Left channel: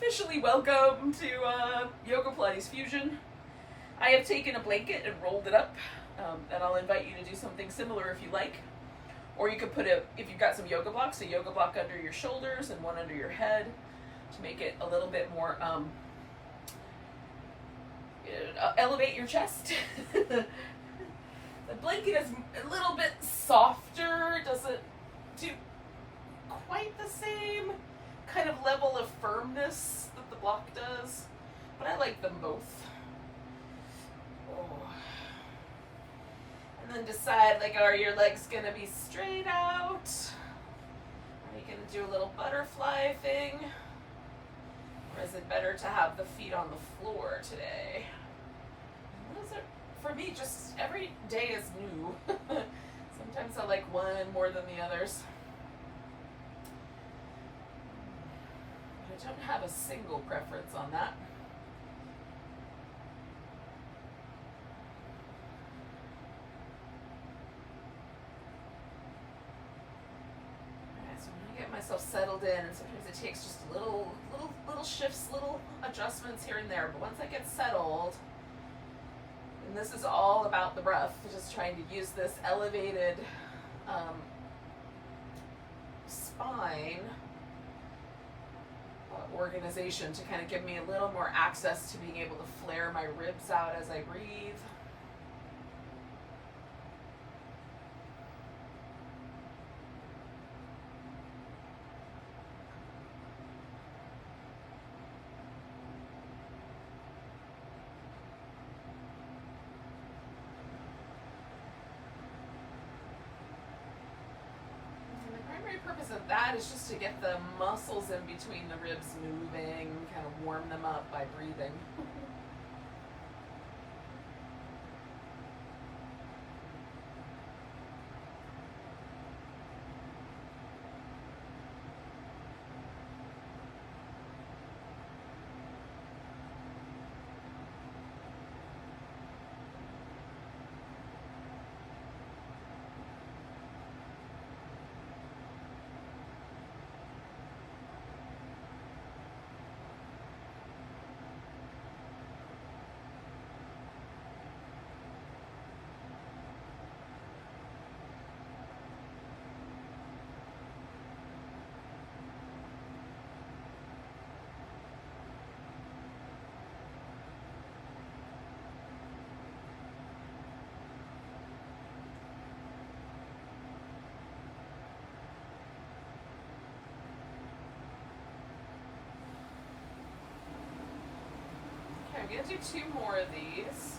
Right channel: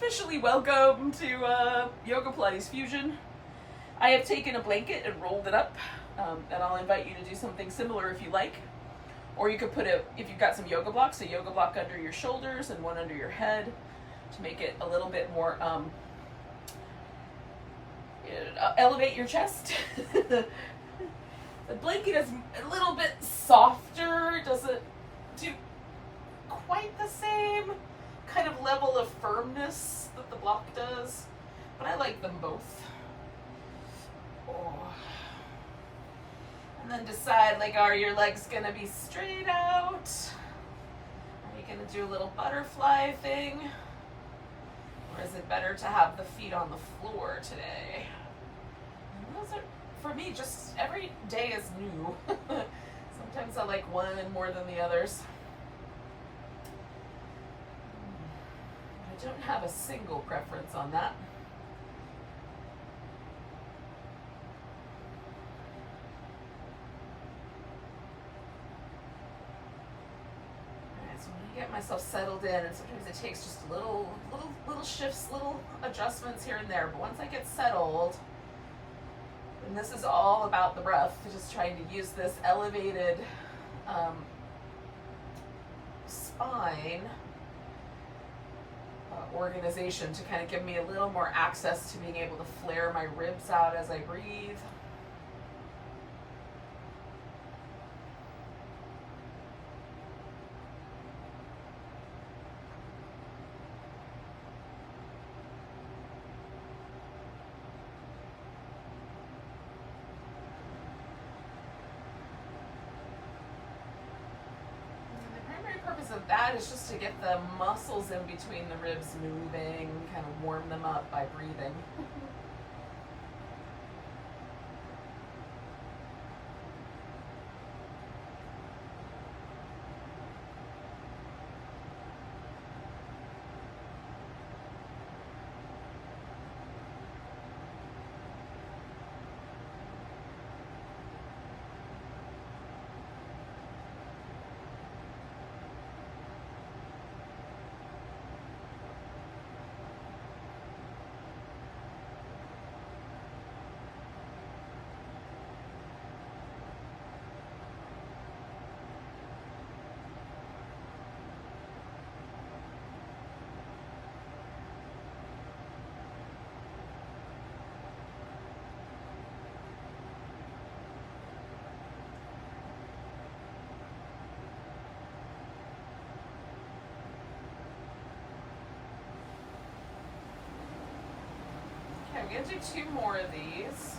Officially welcome to Yoga Pilates Fusion. I have taken a blanket and rolled it up, and I'll invite you to do something similar if you like. Or you could put if you've got some yoga blocks, a yoga block under your shoulders and one under your head to make it a little bit more, elevate your chest. The blanket is a little bit softer, it doesn't do quite the same kind of level of firmness that the block does, but I like them both. Oh. And then decide, like, are your legs gonna be straight out? Are you gonna do a little butterfly thing? Or is it better to have the feet on the floor today? And those are, for me, just every day is new. Sometimes I like one more than the others. I don't have a single preference on that. Alright, so I'm gonna get myself settled in, and sometimes it takes just little shifts, little adjustments here and there. But once I get settled, and this is all about the breath, just trying to use this elevated spine organization to kind of give me a little more access to being able to flare my ribs out as I breathe. Purpose of that is just to get the muscles in between the ribs moving, kind of warm them up by breathing. Okay, I'm gonna do 2 more of these.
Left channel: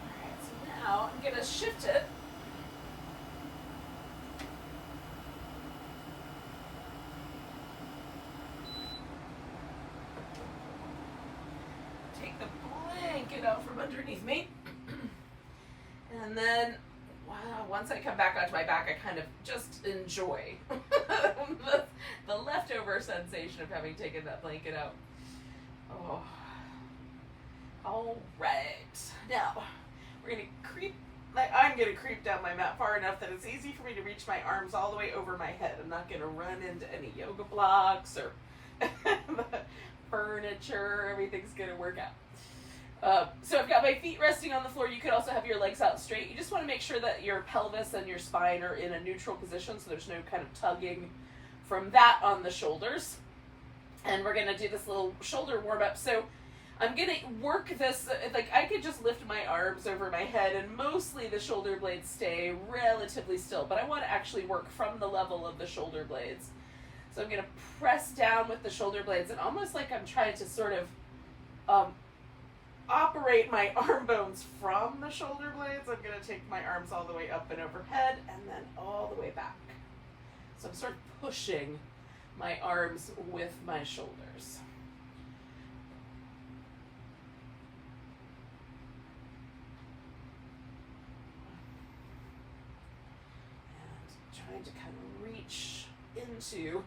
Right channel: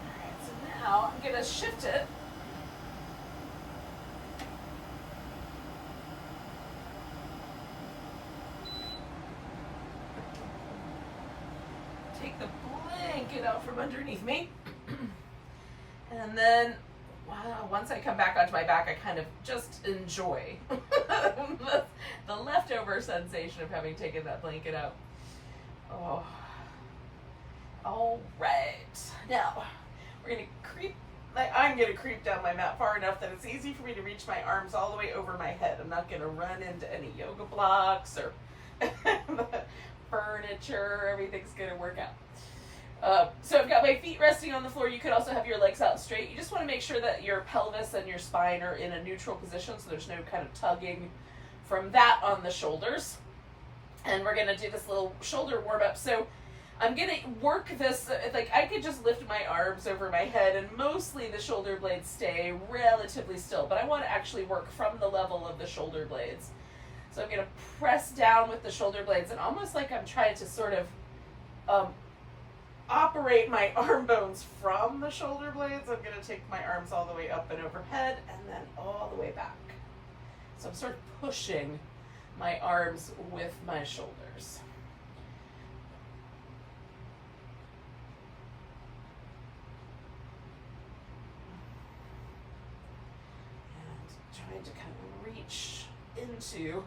Alright, so now I'm gonna shift it. Take the blanket out from underneath me. And then, wow, once I come back onto my back, I kind of just enjoy the leftover sensation of having taken that blanket out. Oh. All right. Now, I'm going to creep down my mat far enough that it's easy for me to reach my arms all the way over my head. I'm not going to run into any yoga blocks or furniture. Everything's going to work out. So I've got my feet resting on the floor. You could also have your legs out straight. You just want to make sure that your pelvis and your spine are in a neutral position so there's no kind of tugging from that on the shoulders. And we're going to do this little shoulder warm-up. So I'm going to work this, like I could just lift my arms over my head and mostly the shoulder blades stay relatively still, but I want to actually work from the level of the shoulder blades. So I'm going to press down with the shoulder blades and almost like I'm trying to sort of operate my arm bones from the shoulder blades. I'm going to take my arms all the way up and overhead and then all the way back. So I'm sort of pushing my arms with my shoulders. And trying to kind of reach into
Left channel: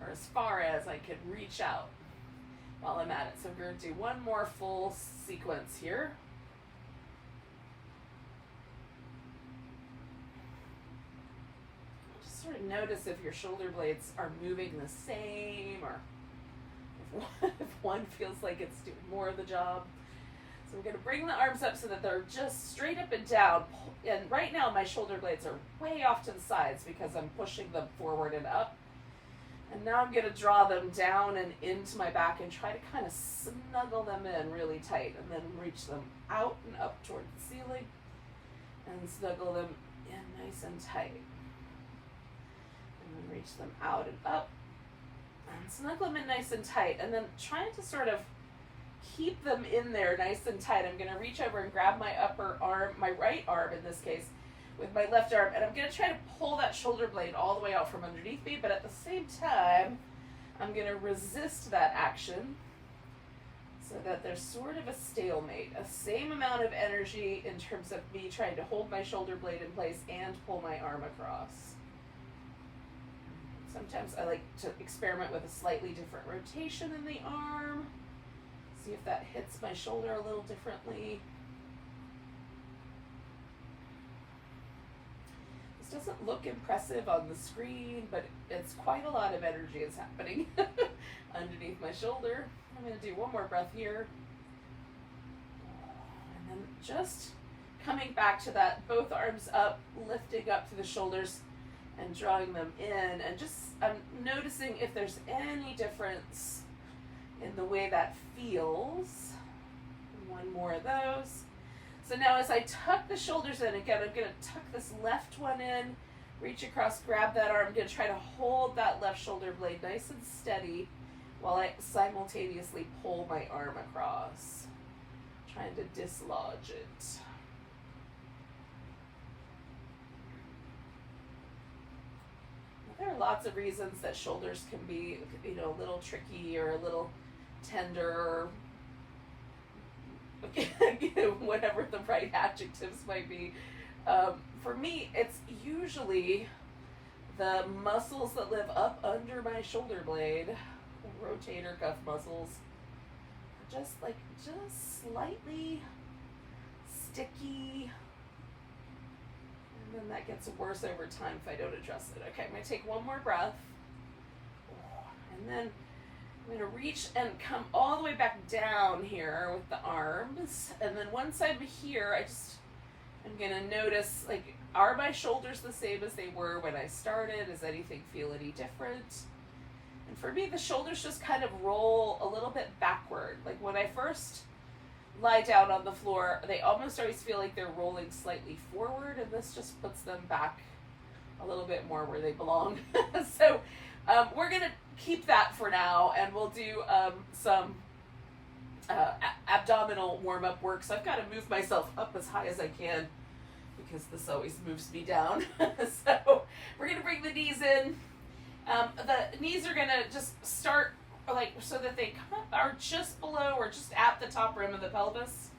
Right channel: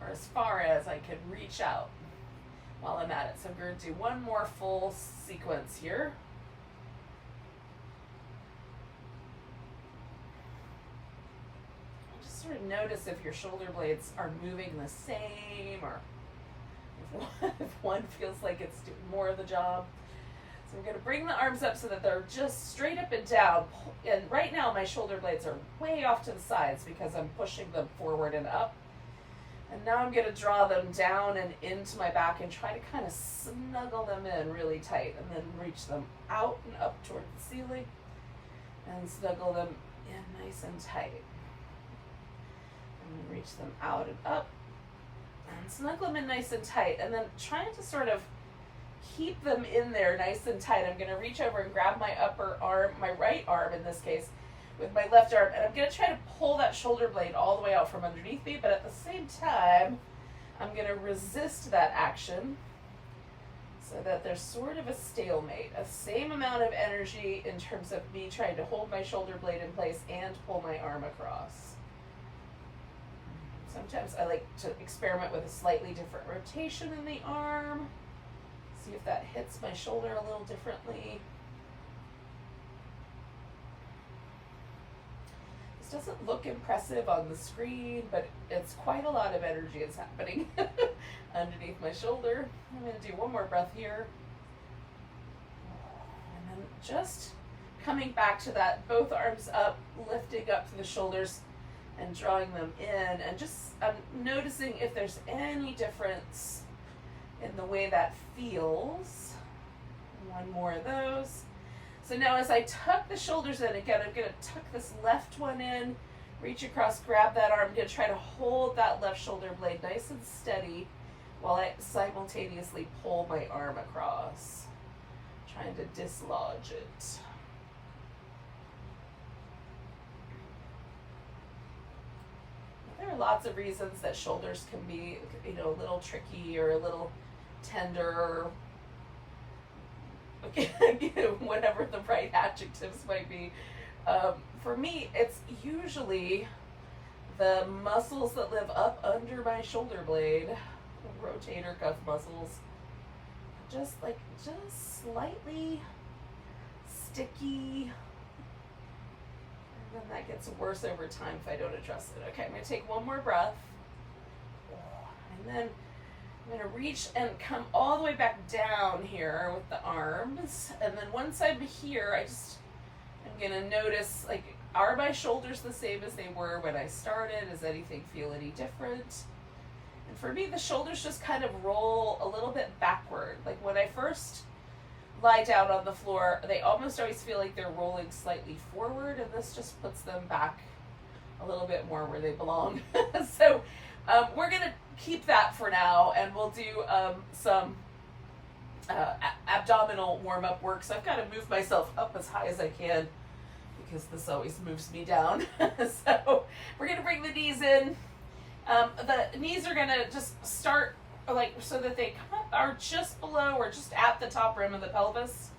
or as far as I can reach out while I'm at it. So I'm going to do one more full sequence here. Just sort of notice if your shoulder blades are moving the same, or if one feels like it's doing more of the job. So I'm going to bring the arms up so that they're just straight up and down. And right now my shoulder blades are way off to the sides because I'm pushing them forward and up. And now I'm going to draw them down and into my back and try to kind of snuggle them in really tight, and then reach them out and up toward the ceiling and snuggle them in nice and tight. And then reach them out and up and snuggle them in nice and tight, and then trying to sort of keep them in there nice and tight. I'm going to reach over and grab my upper arm, my right arm in this case, with my left arm, and I'm going to try to pull that shoulder blade all the way out from underneath me, but at the same time, I'm going to resist that action so that there's sort of a stalemate, a same amount of energy in terms of me trying to hold my shoulder blade in place and pull my arm across. Sometimes I like to experiment with a slightly different rotation in the arm, see if that hits my shoulder a little differently. This doesn't look impressive on the screen, but it's quite a lot of energy is happening underneath my shoulder. I'm going to do one more breath here. And then just coming back to that, both arms up, lifting up to the shoulders and drawing them in, and just I'm noticing if there's any difference in the way that feels. One more of those. So now as I tuck the shoulders in, again, I'm going to tuck this left one in, reach across, grab that arm. I'm going to try to hold that left shoulder blade nice and steady while I simultaneously pull my arm across, trying to dislodge it. There are lots of reasons that shoulders can be, a little tricky or a little tender, or whatever the right adjectives might be. For me, it's usually the muscles that live up under my shoulder blade, the rotator cuff muscles, just slightly sticky. And then that gets worse over time if I don't address it. Okay, I'm going to take one more breath. And then I'm going to reach and come all the way back down here with the arms. And then once I'm here, I'm going to notice, are my shoulders the same as they were when I started? Does anything feel any different? And for me, the shoulders just kind of roll a little bit backward. Like when I first lie down on the floor, they almost always feel like they're rolling slightly forward, and this just puts them back a little bit more where they belong. So we're going to keep that for now, and we'll do some abdominal warm-up work. So I've got to move myself up as high as I can because this always moves me down. So we're going to bring the knees in. The knees are going to just start so that they are just below or just at the top rim of the pelvis.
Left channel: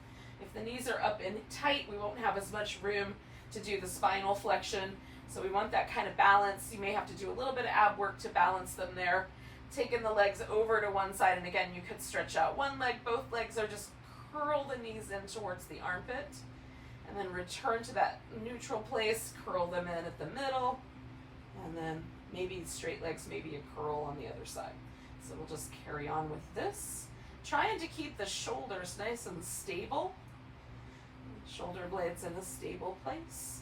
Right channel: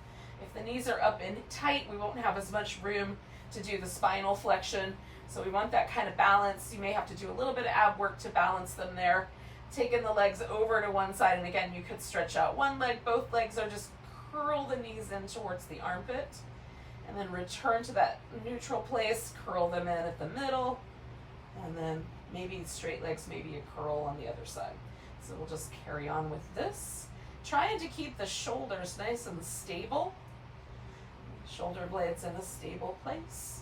If the knees are up and tight, we won't have as much room to do the spinal flexion. So we want that kind of balance. You may have to do a little bit of ab work to balance them there. Taking the legs over to one side, and again, you could stretch out one leg. Both legs are just curl the knees in towards the armpit, and then return to that neutral place, curl them in at the middle, and then maybe straight legs, maybe a curl on the other side. So we'll just carry on with this. Trying to keep the shoulders nice and stable. Shoulder blades in a stable place.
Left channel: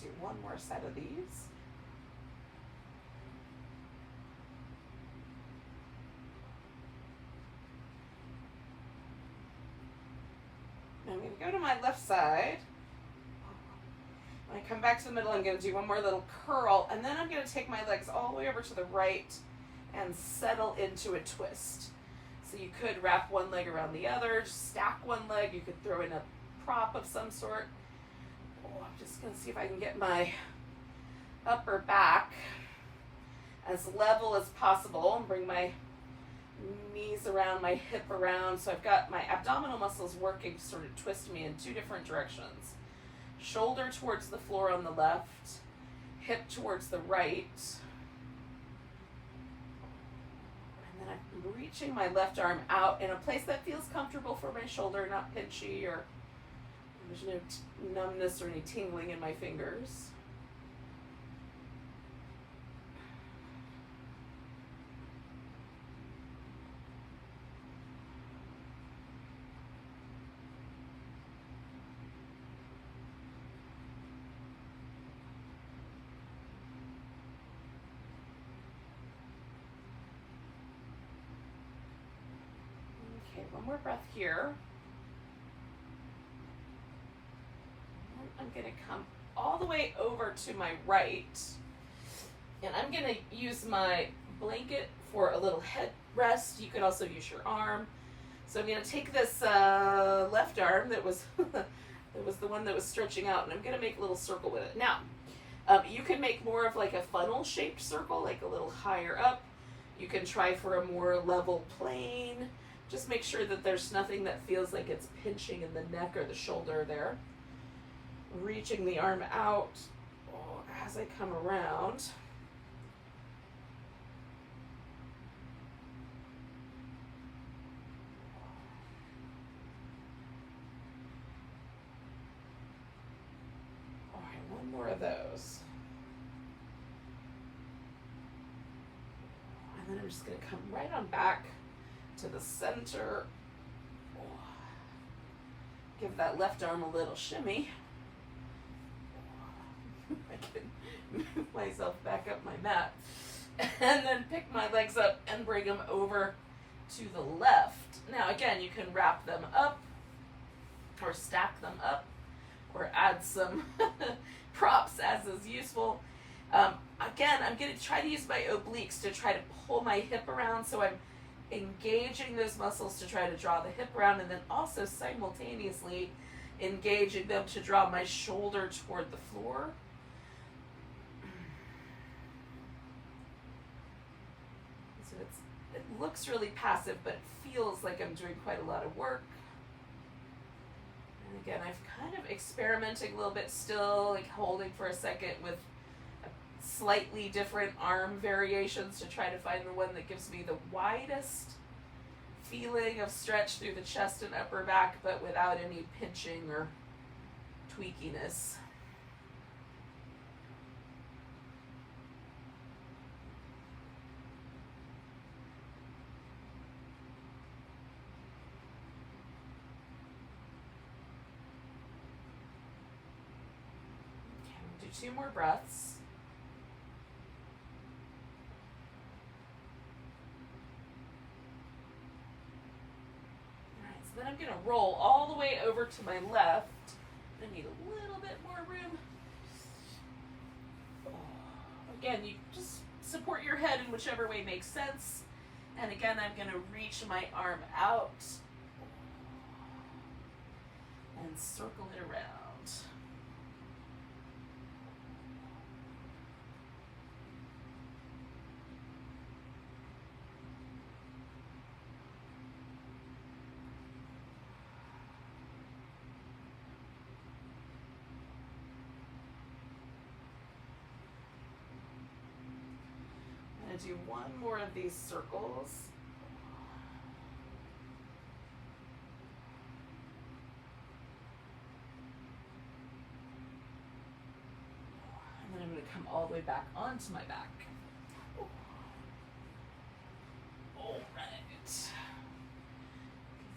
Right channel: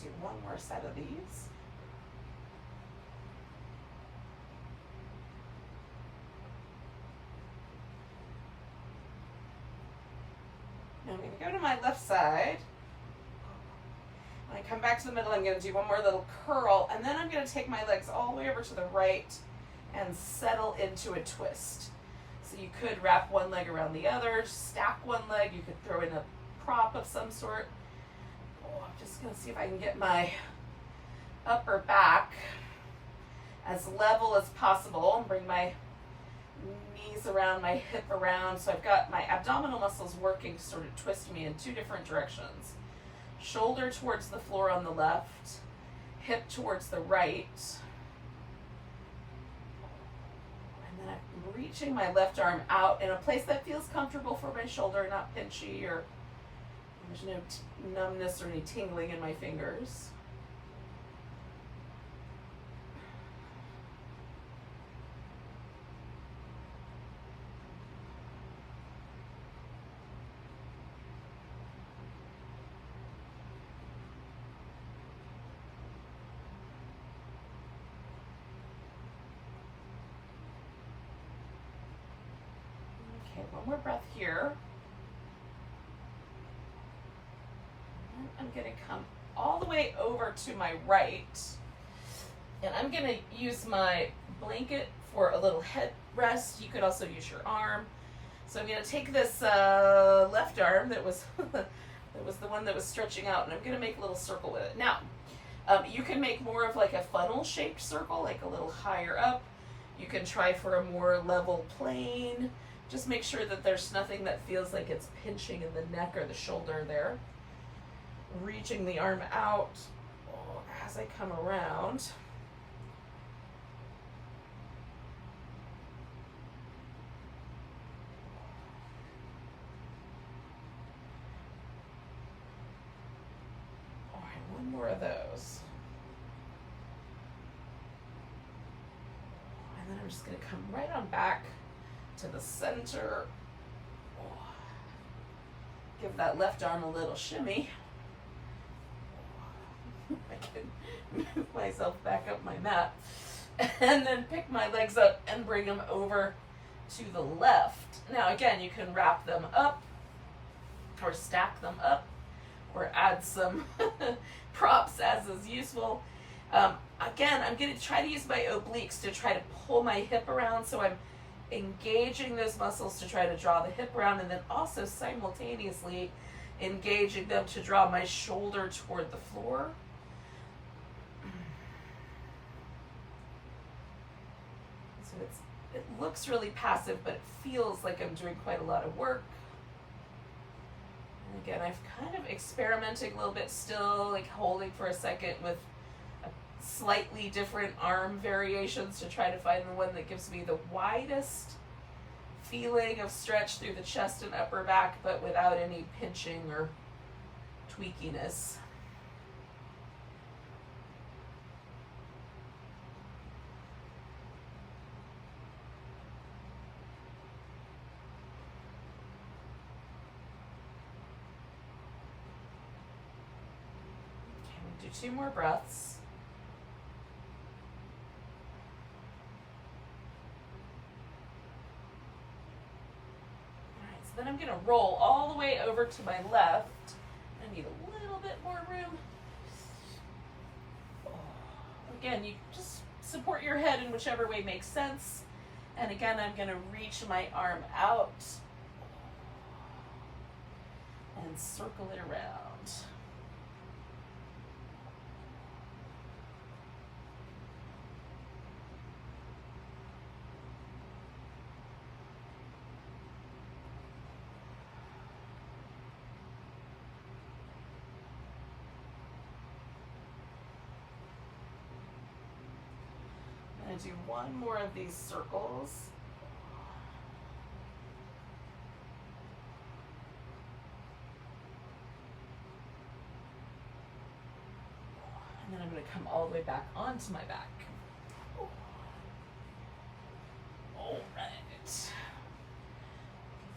Do one more set of these. I'm going to go to my left side. When I come back to the middle, I'm going to do one more little curl, and then I'm going to take my legs all the way over to the right and settle into a twist. So you could wrap one leg around the other, stack one leg, you could throw in a prop of some sort. Oh, I'm just going to see if I can get my upper back as level as possible and bring my knees around, my hip around. So I've got my abdominal muscles working to sort of twist me in two different directions. Shoulder towards the floor on the left, hip towards the right. And then I'm reaching my left arm out in a place that feels comfortable for my shoulder, not pinchy, or there's no numbness or any tingling in my fingers. Okay, one more breath here. And I'm going to come all the way over to my right. And I'm going to use my blanket for a little head rest. You could also use your arm. So I'm going to take this left arm that was that was the one that was stretching out, and I'm going to make a little circle with it. Now, you can make more of like a funnel-shaped circle, like a little higher up. You can try for a more level plane. Just make sure that there's nothing that feels like it's pinching in the neck or the shoulder there. Reaching the arm out as I come around. All right, one more of those. And then I'm just going to come right on back to the center. Give that left arm a little shimmy. I can move myself back up my mat. And then pick my legs up and bring them over to the left. Now again, you can wrap them up or stack them up or add some props as is useful. Again, I'm going to try to use my obliques to try to pull my hip around, so I'm engaging those muscles to try to draw the hip around, and then also simultaneously engaging them to draw my shoulder toward the floor. So it looks really passive, but it feels like I'm doing quite a lot of work. And again, I've kind of experimenting a little bit still, like holding for a second with slightly different arm variations to try to find the one that gives me the widest feeling of stretch through the chest and upper back, but without any pinching or tweakiness. Okay, we'll do 2 more breaths. Then I'm going to roll all the way over to my left. I need a little bit more room. Again, you just support your head in whichever way makes sense. And again, I'm going to reach my arm out and circle it around. Do one more of these circles. And then I'm going to come all the way back onto my back. All right. Give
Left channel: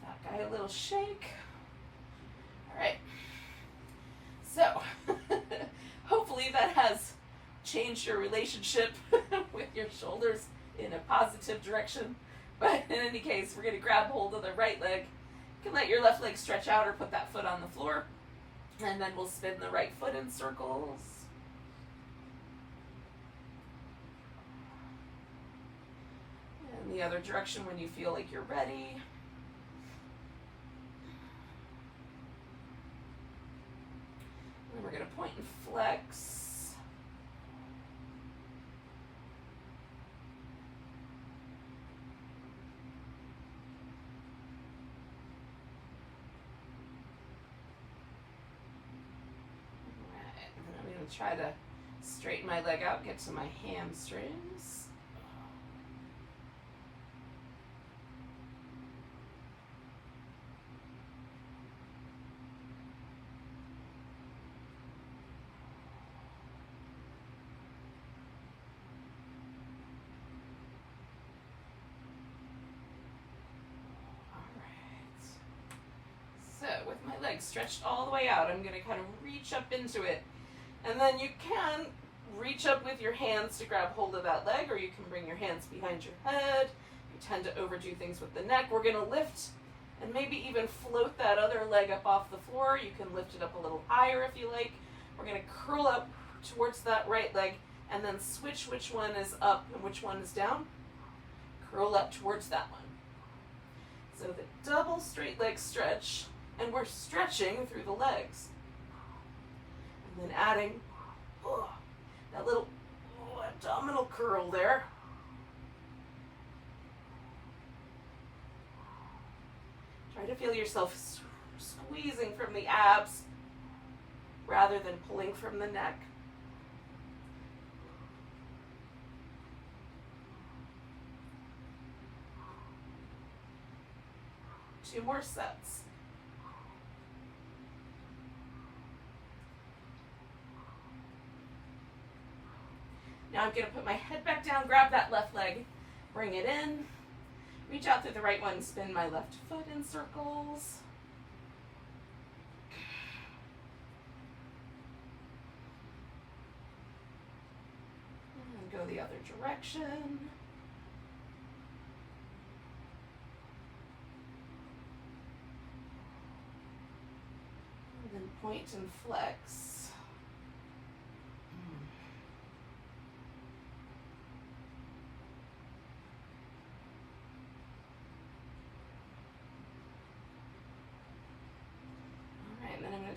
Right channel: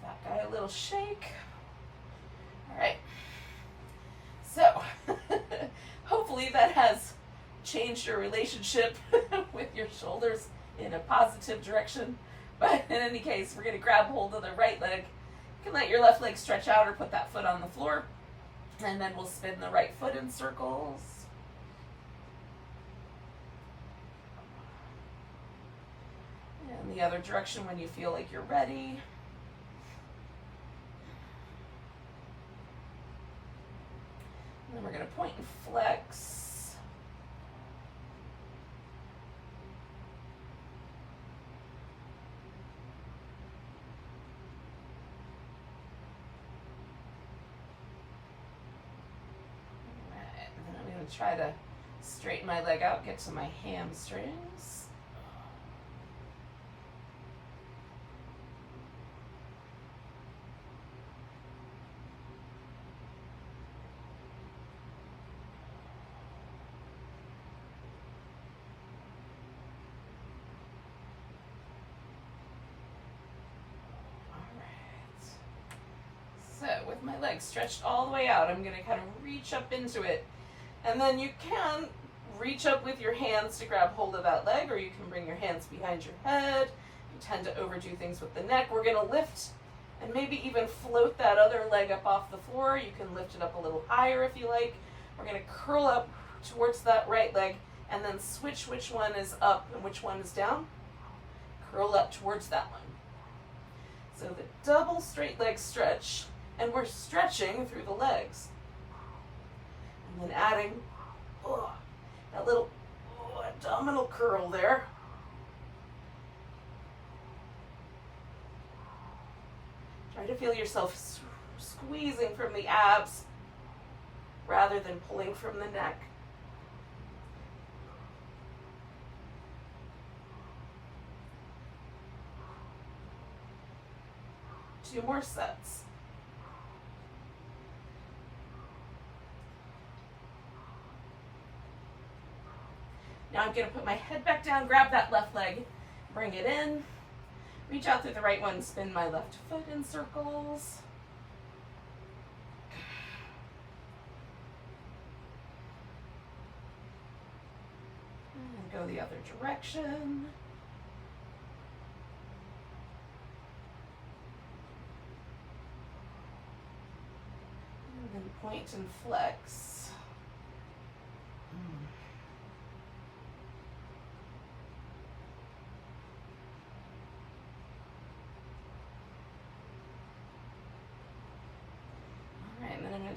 that guy a little shake. All right. So, hopefully that has changed your relationship with your shoulders in a positive direction. But in any case, we're going to grab hold of the right leg. You can let your left leg stretch out or put that foot on the floor. And then we'll spin the right foot in circles. And the other direction when you feel like you're ready. we're going to point and flex. Try to straighten my leg out, get to my hamstrings. All right. So with my legs stretched all the way out, I'm going to kind of reach up into it. And then you can reach up with your hands to grab hold of that leg, or you can bring your hands behind your head. You tend to overdo things with the neck. We're going to lift and maybe even float that other leg up off the floor. You can lift it up a little higher if you like. We're going to curl up towards that right leg and then switch which one is up and which one is down. Curl up towards that one. So the double straight leg stretch, and we're stretching through the legs. And then adding that little abdominal curl there. Try to feel yourself squeezing from the abs rather than pulling from the neck. Two more sets. Now I'm going to put my head back down, grab that left leg, bring it in, reach out through the right one, spin my left foot in circles. And then go the other direction. And then point and flex.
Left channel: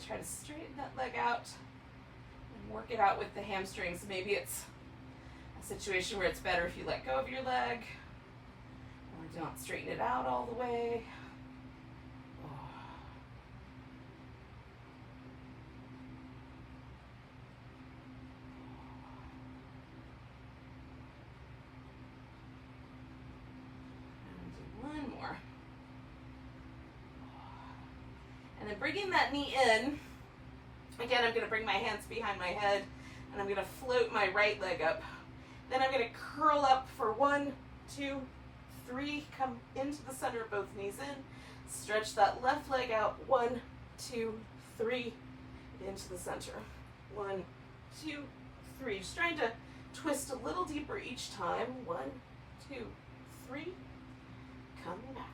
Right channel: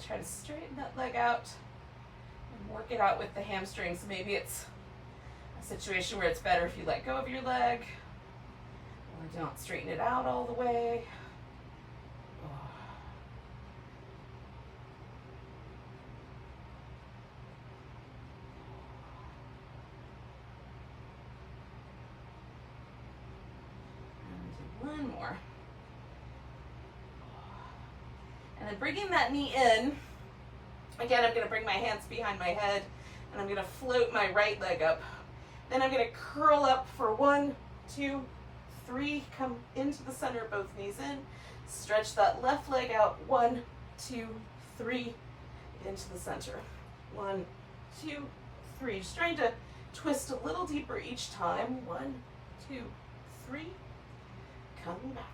Try to straighten that leg out and work it out with the hamstrings. Maybe it's a situation where it's better if you let go of your leg or don't straighten it out all the way. And do one more. And then bringing that knee in, again, I'm going to bring my hands behind my head and I'm going to float my right leg up. Then I'm going to curl up for 1, 2, 3, come into the center, both knees in, stretch that left leg out, 1, 2, 3, into the center. 1, 2, 3. Just trying to twist a little deeper each time. 1, 2, 3, coming back.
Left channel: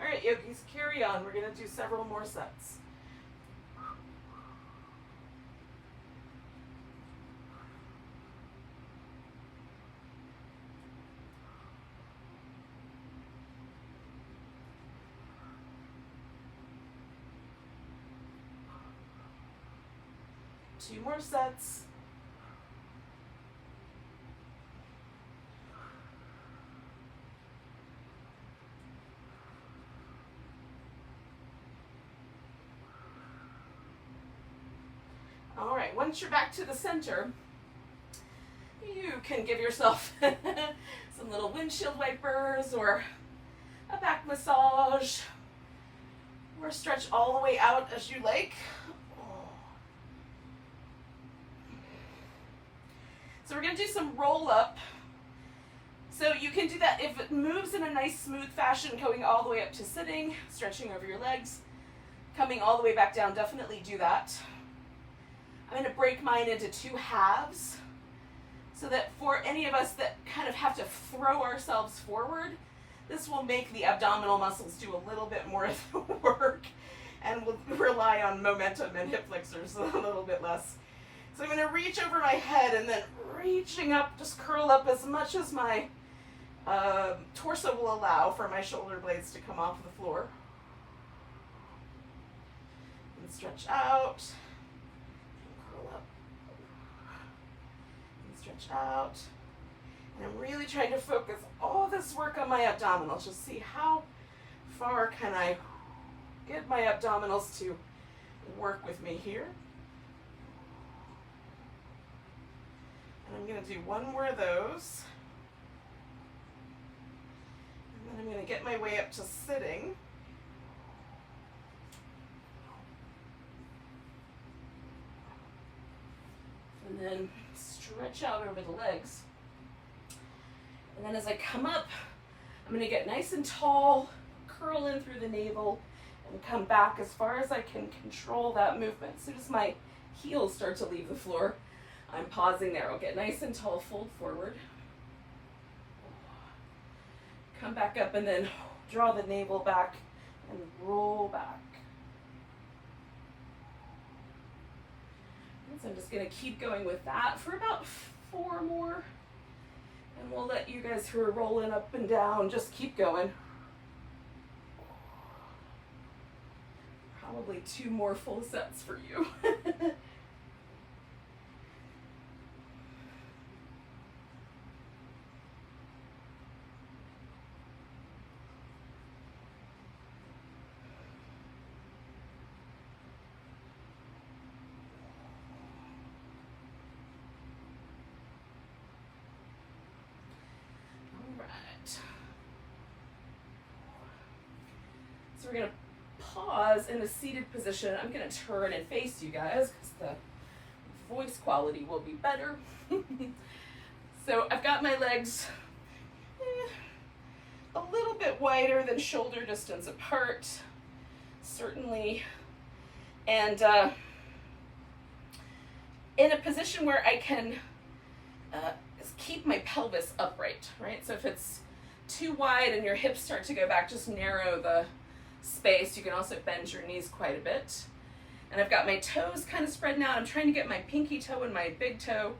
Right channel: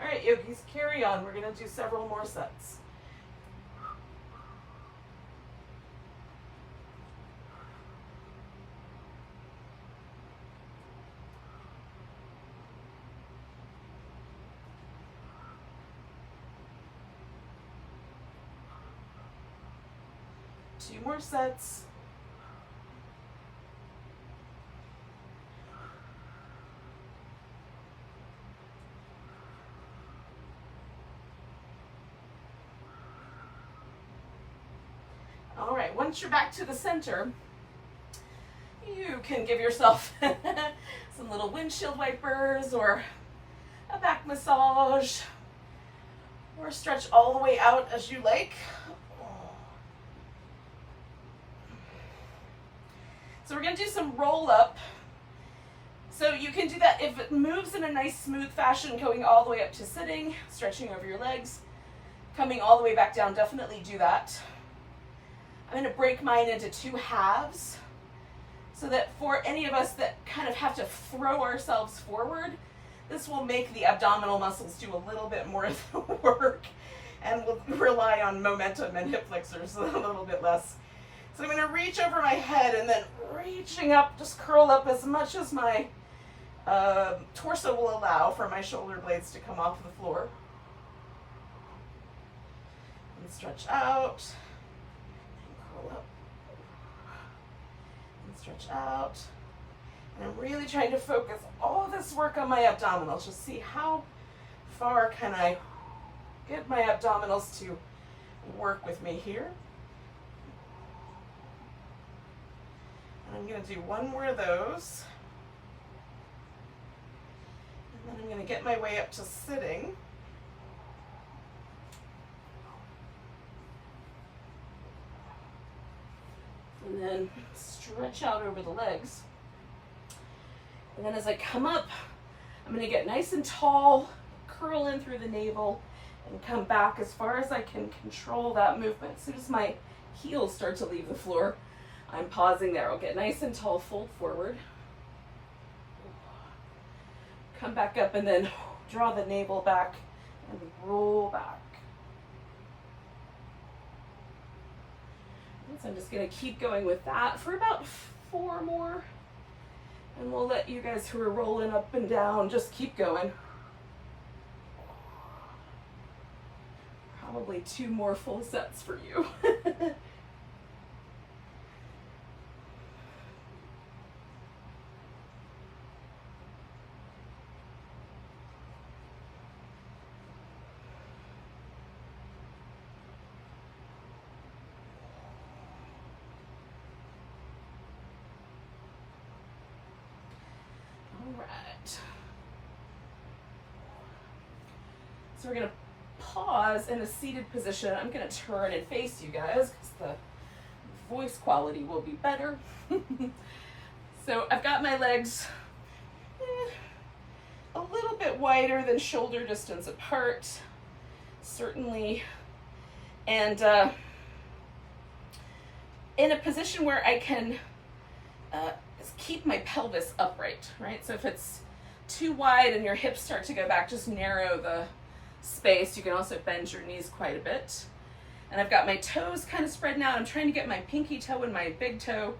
All right, yogis, carry on. We're going to do several more sets. Two more sets. All right, once you're back to the center, you can give yourself some little windshield wipers or a back massage or stretch all the way out as you like. So we're going to do some roll up. So you can do that if it moves in a nice smooth fashion, going all the way up to sitting, stretching over your legs, coming all the way back down. Definitely do that. I'm going to break mine into 2 halves so that for any of us that kind of have to throw ourselves forward, this will make the abdominal muscles do a little bit more of the work and we'll rely on momentum and hip flexors a little bit less. So I'm going to reach over my head and then reaching up, just curl up as much as my torso will allow for my shoulder blades to come off the floor. And stretch out. Stretch out. And I'm really trying to focus all this work on my abdominals. Just see how far can I get my abdominals to work with me here. And I'm going to do one more of those. And then I'm going to get my way up to sitting. And then stretch out over the legs. And then as I come up, I'm going to get nice and tall, curl in through the navel, and come back as far as I can control that movement. As soon as my heels start to leave the floor, I'm pausing there. I'll get nice and tall, fold forward. Come back up and then draw the navel back and roll back. So I'm just going to keep going with that for about 4 more. And we'll let you guys who are rolling up and down just keep going. Probably 2 more full sets for you. So we're going to pause in a seated position. I'm going to turn and face you guys because the voice quality will be better. So I've got my legs a little bit wider than shoulder distance apart, certainly. And in a position where I can keep my pelvis upright, right? So if it's too wide and your hips start to go back, just narrow the space. You can also bend your knees quite a bit. And I've got my toes kind of spreading out. I'm trying to get my pinky toe and my big toe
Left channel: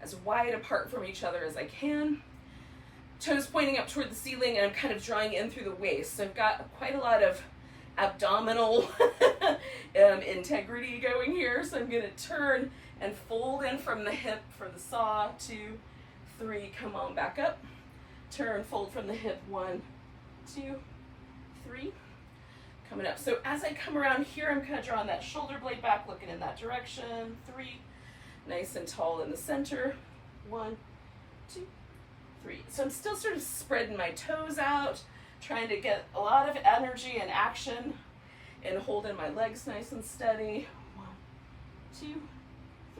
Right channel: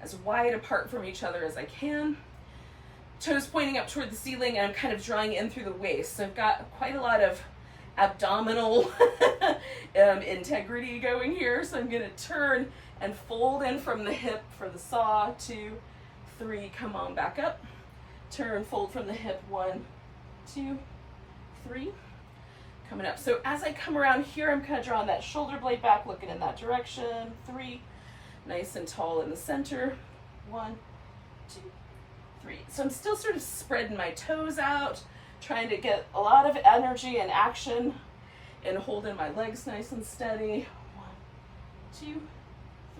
as wide apart from each other as I can. Toes pointing up toward the ceiling, and I'm kind of drawing in through the waist. So I've got quite a lot of abdominal integrity going here. So I'm going to turn and fold in from the hip for the saw. 2, 3, come on back up. Turn, fold from the hip. 1, 2, 3. Coming up. So as I come around here, I'm kind of drawing that shoulder blade back, looking in that direction. 3, nice and tall in the center. 1, 2, 3. So I'm still sort of spreading my toes out, trying to get a lot of energy and action and holding my legs nice and steady. 1, 2,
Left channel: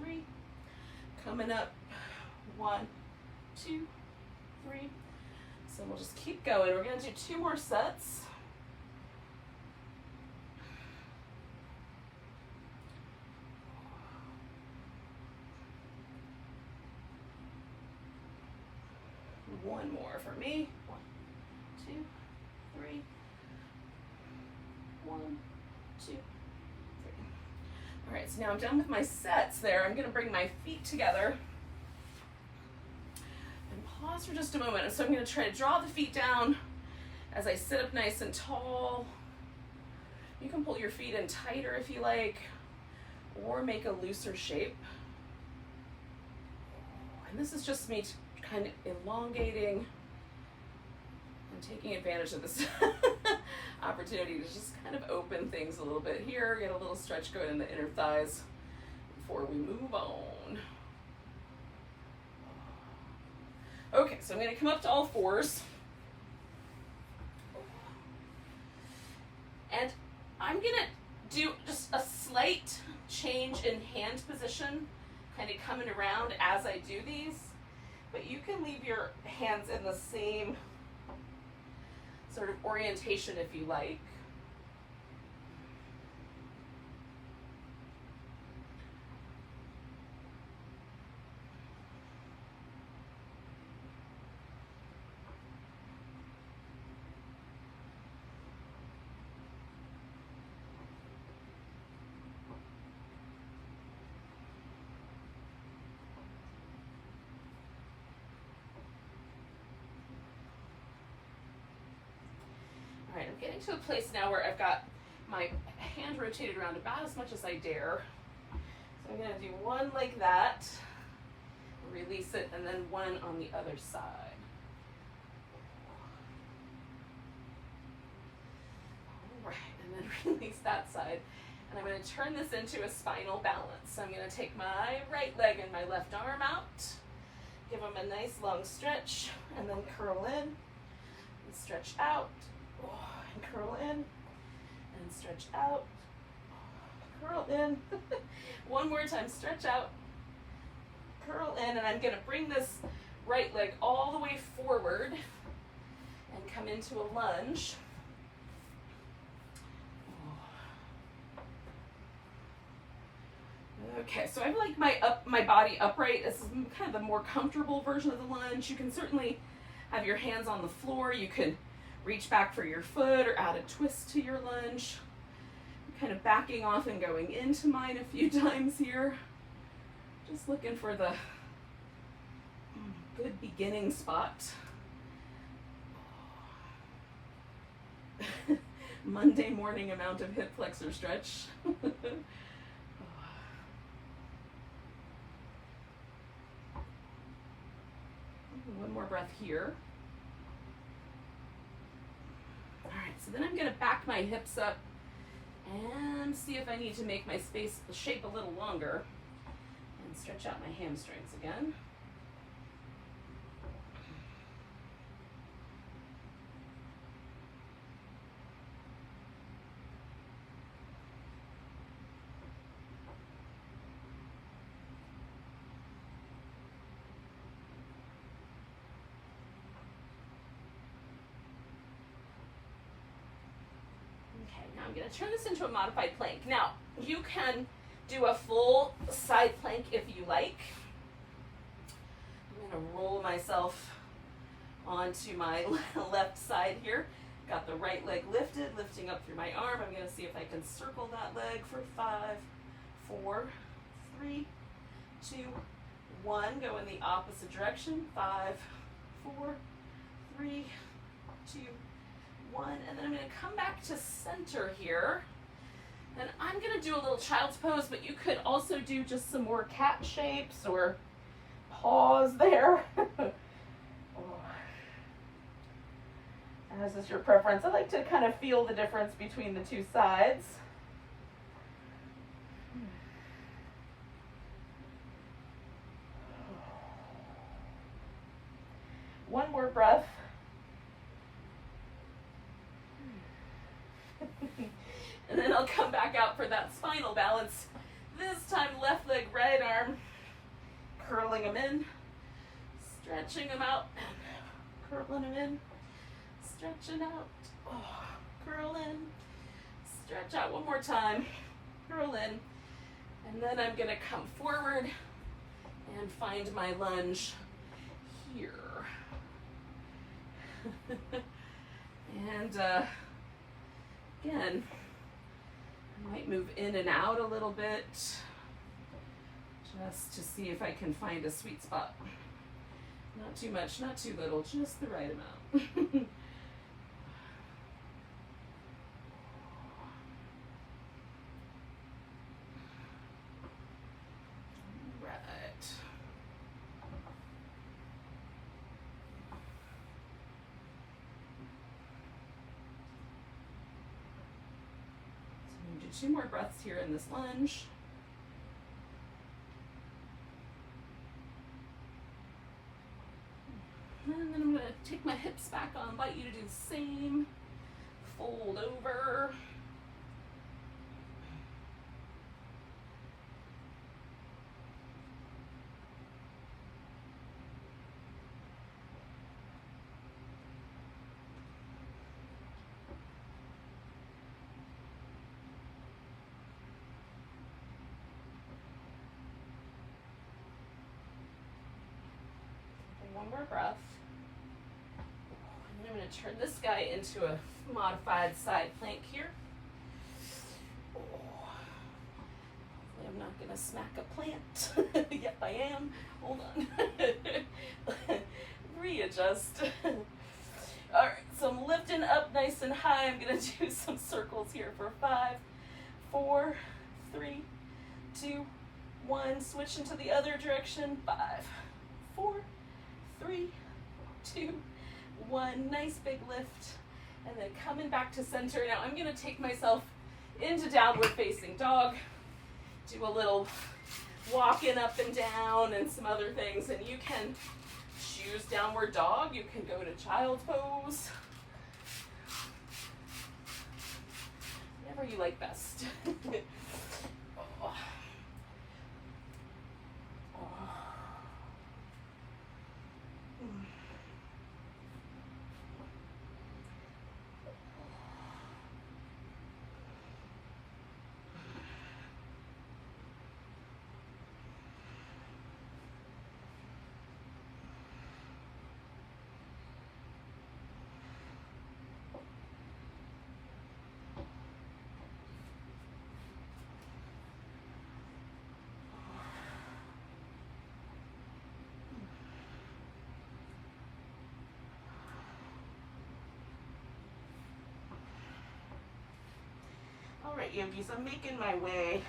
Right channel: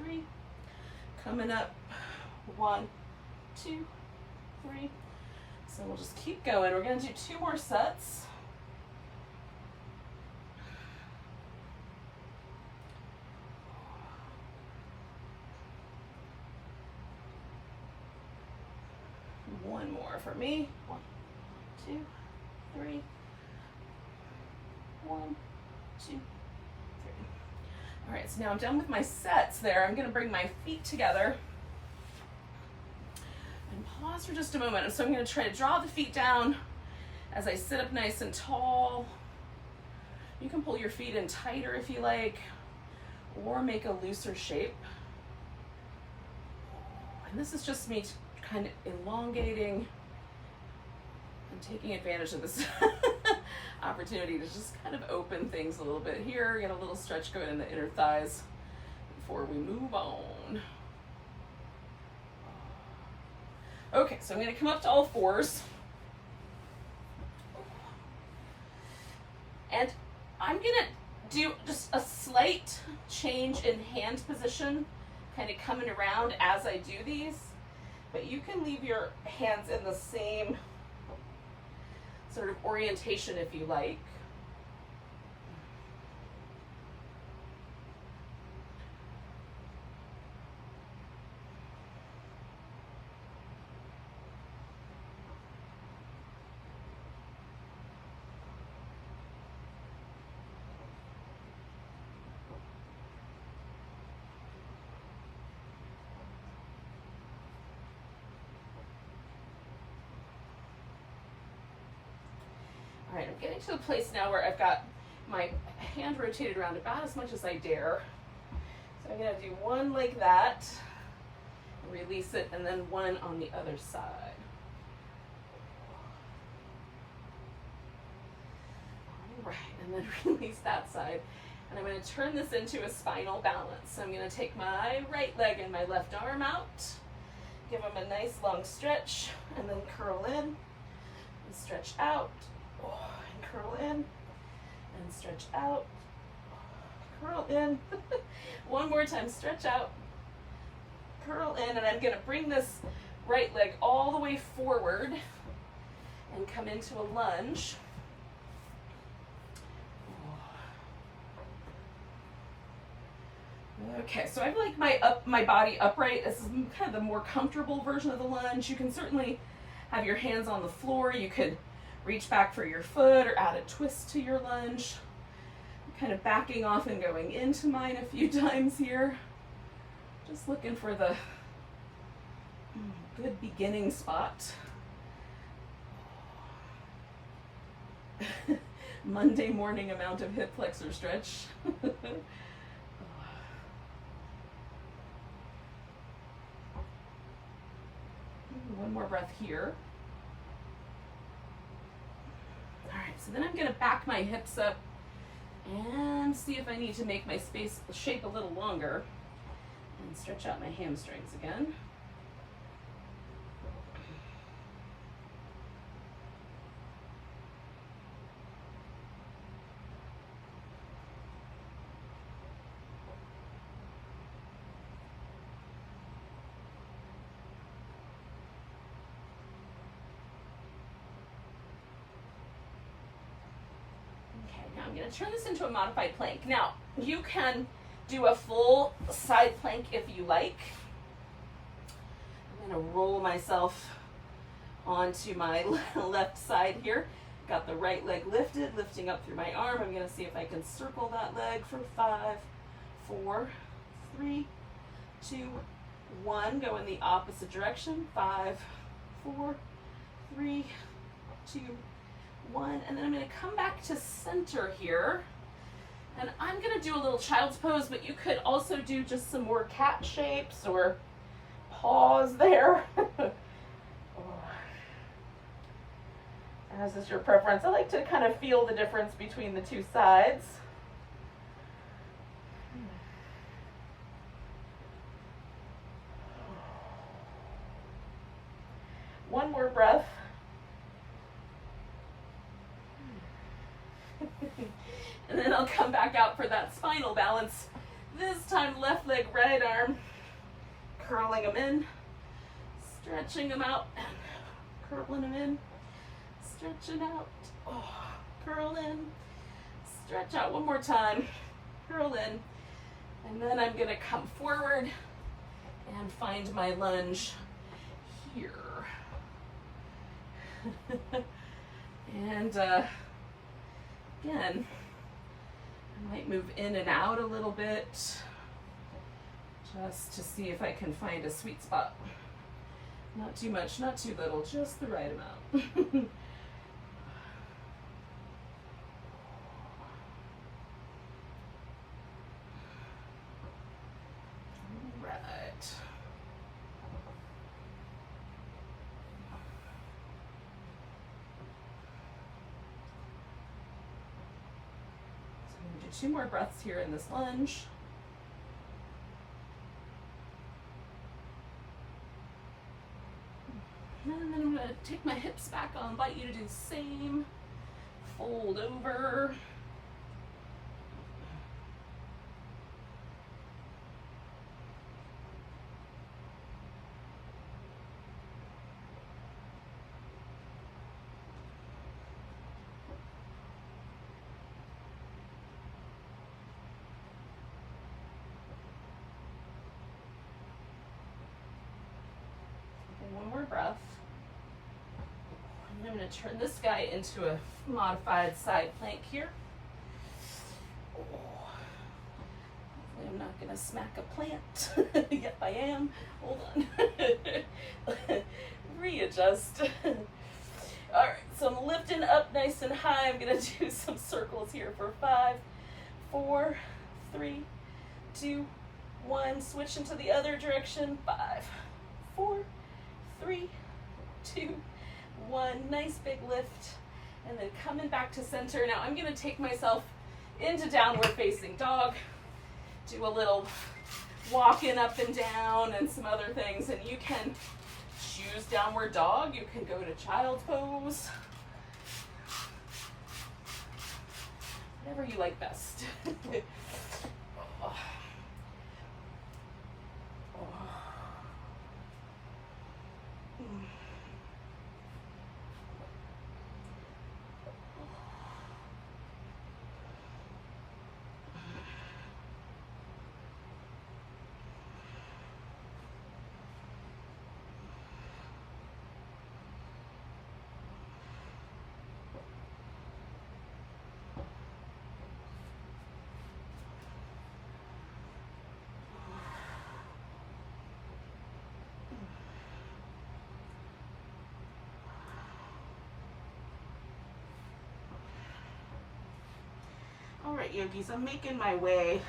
3. Coming up. 1, 2, 3. So we'll just keep going. We're going to do 2 more sets. One more for me. 1, 2, 3. 1, 2, 3. All right, so now I'm done with my sets there. I'm going to bring my feet together and pause for just a moment. And so I'm going to try to draw the feet down as I sit up nice and tall. You can pull your feet in tighter if you like, or make a looser shape. And this is just me kind of elongating and taking advantage of this opportunity to just kind of open things a little bit here, get a little stretch going in the inner thighs before we move on. Okay, so I'm going to come up to all 4s. And I'm going to do just a slight change in hand position, kind of coming around as I do these. But you can leave your hands in the same sort of orientation if you like. All right, I'm getting to a place now where I've got my hand rotated around about as much as I dare. So I'm going to do one like that. Release it, and then one on the other side. All right, and then release that side. And I'm going to turn this into a spinal balance. So I'm going to take my right leg and my left arm out, give them a nice long stretch, and then curl in, and stretch out, and curl in, and stretch out, curl in. One more time, stretch out, curl in, and I'm going to bring this right leg all the way forward and come into a lunge. Okay, so I like my body upright. This is kind of the more comfortable version of the lunge. You can certainly have your hands on the floor. You could reach back for your foot or add a twist to your lunge. I'm kind of backing off and going into mine a few times here. Just looking for the good beginning spot. Monday morning amount of hip flexor stretch. One more breath here. All right, so then I'm going to back my hips up and see if I need to make my shape a little longer and stretch out my hamstrings again. I'm going to turn this into a modified plank. Now, you can do a full side plank if you like. I'm going to roll myself onto my left side here. Got the right leg lifted, lifting up through my arm. I'm going to see if I can circle that leg for 5, 4, 3, 2, 1. Go in the opposite direction. 5, 4, 3, 2, 1, and then I'm going to come back to center here, and I'm going to do a little child's pose, but you could also do just some more cat shapes or paws there. As is your preference. I like to kind of feel the difference between the two sides. One more breath. And then I'll come back out for that spinal balance. This time left leg, right arm, curling them in, stretching them out, curling them in, stretching out, curl in, stretch out one more time, curl in, and then I'm going to come forward and find my lunge here. And again, I might move in and out a little bit just to see if I can find a sweet spot. Not too much, not too little, just the right amount. Two more breaths here in this lunge. And then I'm going to take my hips back on, invite you to do the same. Fold over. One more breath. And I'm going to turn this guy into a modified side plank here. Hopefully I'm not going to smack a plant. Yep, I am. Hold on. Readjust. All right, so I'm lifting up nice and high. I'm going to do some circles here for 5, 4, 3, 2, 1. Switch into the other direction. 5, 4, 3, 2, 1. Nice big lift. And then coming back to center. Now I'm going to take myself into downward facing dog. Do a little walking up and down and some other things. And you can choose downward dog. You can go to child pose. Whatever you like best. All right, yogis, I'm making my way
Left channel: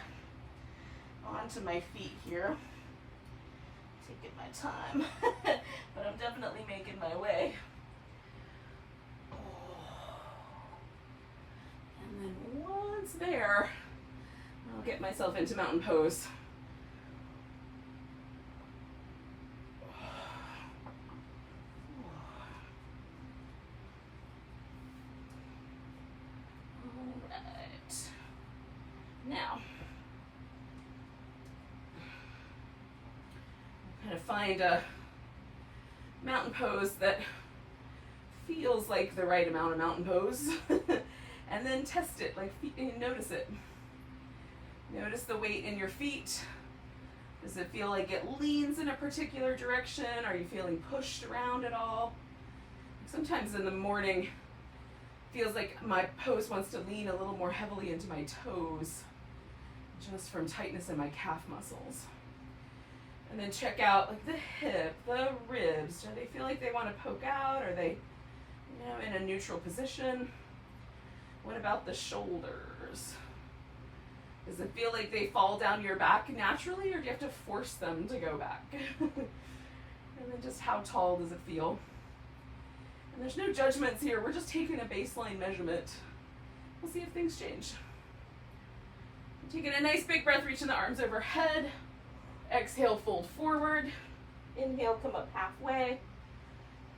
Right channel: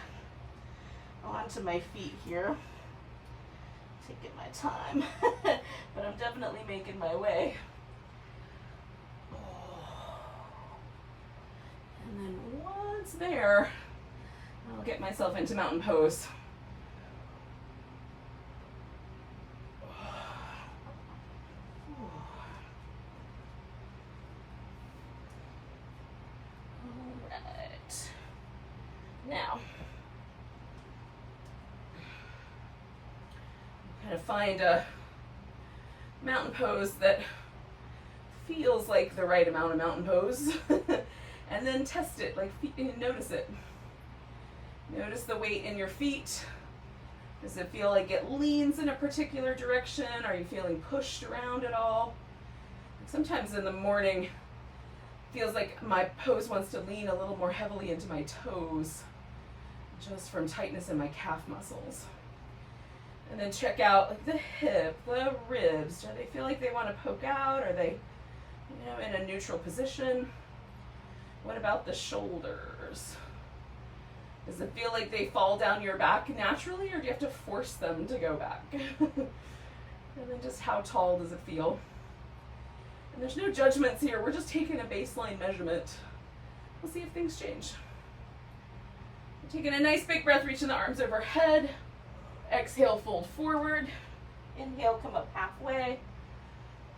onto my feet here. Taking my time, but I'm definitely making my way. And then once there, I'll get myself into mountain pose. Now, I'm going to find a mountain pose that feels like the right amount of mountain pose and then test it, like notice it. Notice the weight in your feet. Does it feel like it leans in a particular direction? Are you feeling pushed around at all? Sometimes in the morning, it feels like my pose wants to lean a little more heavily into my toes, just from tightness in my calf muscles. And then check out like the hip, the ribs. Do they feel like they want to poke out? Are they, in a neutral position? What about the shoulders? Does it feel like they fall down your back naturally, or do you have to force them to go back? And then just how tall does it feel? And there's no judgments here. We're just taking a baseline measurement. We'll see if things change. Taking a nice big breath, reaching the arms overhead. Exhale, fold forward. Inhale, come up halfway.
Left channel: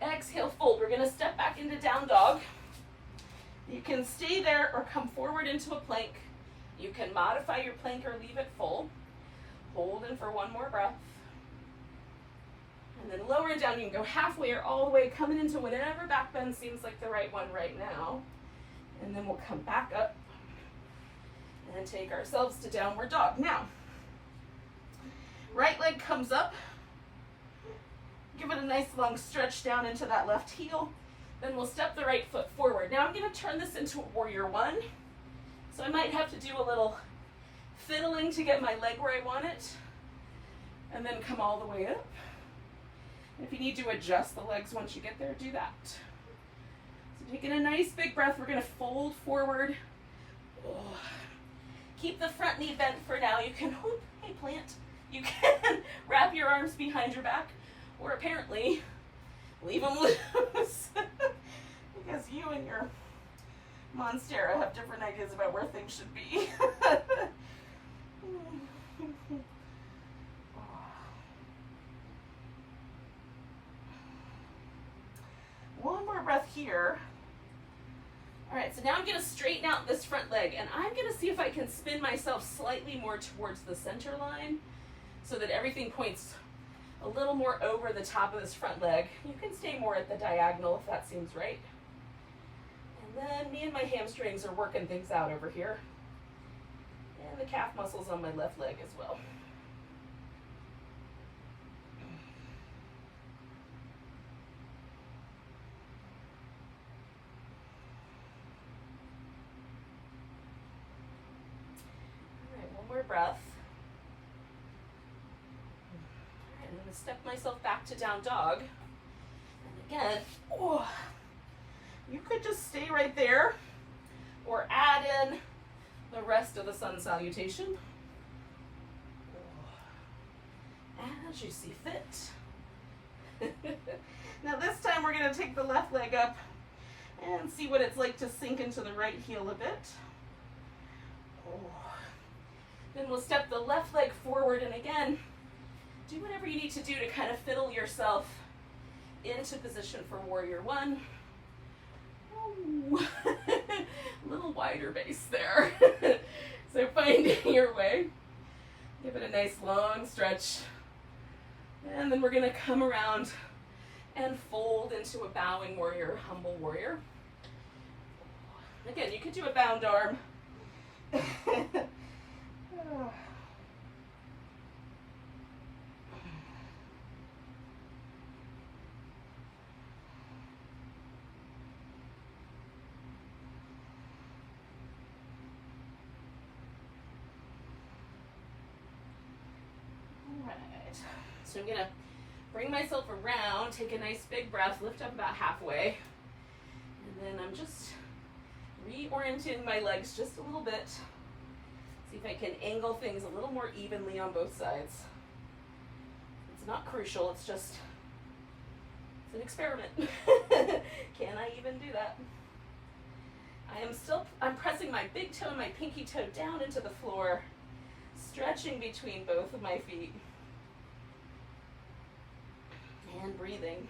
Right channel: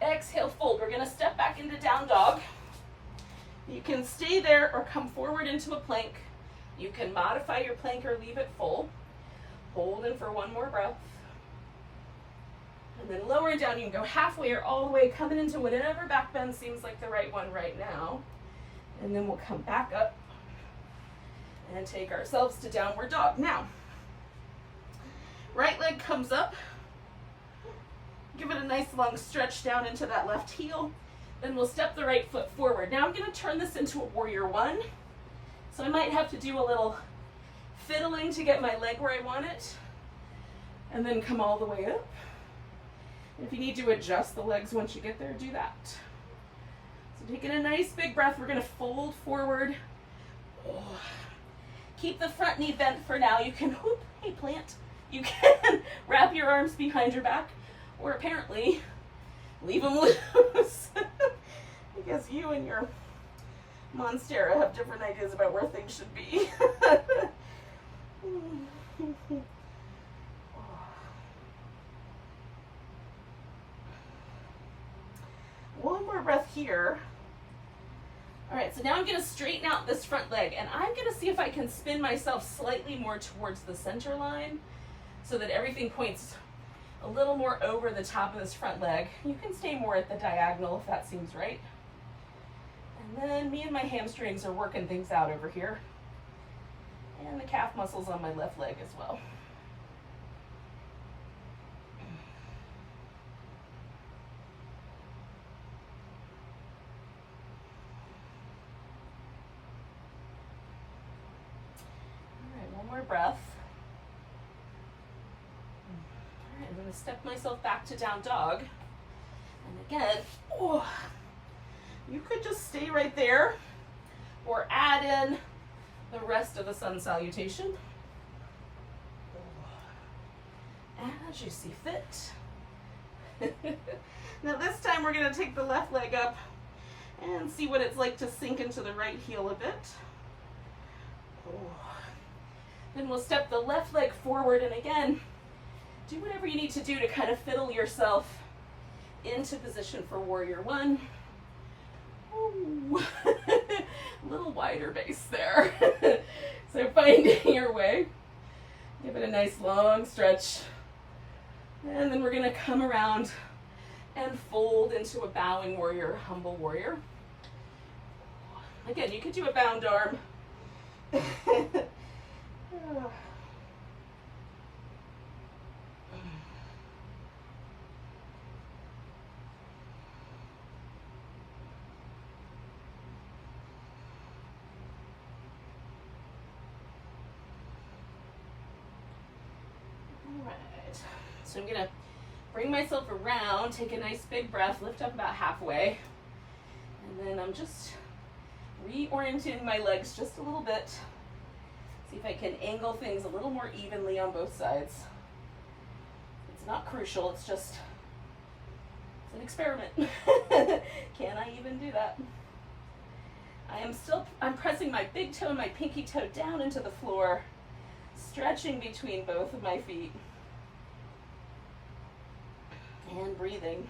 Exhale, fold. We're going to step back into down dog. You can stay there or come forward into a plank. You can modify your plank or leave it full. Hold in for one more breath. And then lower and down. You can go halfway or all the way, coming into whatever back bend seems like the right one right now. And then we'll come back up and take ourselves to downward dog. Now, right leg comes up. Give it a nice long stretch down into that left heel. Then we'll step the right foot forward. Now I'm going to turn this into a warrior one. So I might have to do a little fiddling to get my leg where I want it. And then come all the way up. And if you need to adjust the legs once you get there, do that. So taking a nice big breath, we're going to fold forward. Oh. Keep the front knee bent for now. You can, whoop, hey plant, you can wrap your arms behind your back, or apparently leave them loose. Because you and your Monstera have different ideas about where things should be. One more breath here. All right, so now I'm going to straighten out this front leg, and I'm going to see if I can spin myself slightly more towards the center line so that everything points a little more over the top of this front leg. You can stay more at the diagonal if that seems right. And then me and my hamstrings are working things out over here. And the calf muscles on my left leg as well. More breath. All right, I'm going to step myself back to down dog. And again, oh, you could just stay right there or add in the rest of the sun salutation as you see fit. Now this time we're going to take the left leg up and see what it's like to sink into the right heel a bit. Oh. Then we'll step the left leg forward, and again, do whatever you need to do to kind of fiddle yourself into position for warrior one. Ooh. A little wider base there. So finding your way. Give it a nice long stretch. And then we're going to come around and fold into a bowing warrior, humble warrior. Again, you could do a bound arm. So I'm gonna bring myself around, take a nice big breath, lift up about halfway, and then I'm just reorienting my legs just a little bit. See if I can angle things a little more evenly on both sides. It's not crucial, it's an experiment. Can I even do that? I'm pressing my big toe and my pinky toe down into the floor, stretching between both of my feet. And breathing.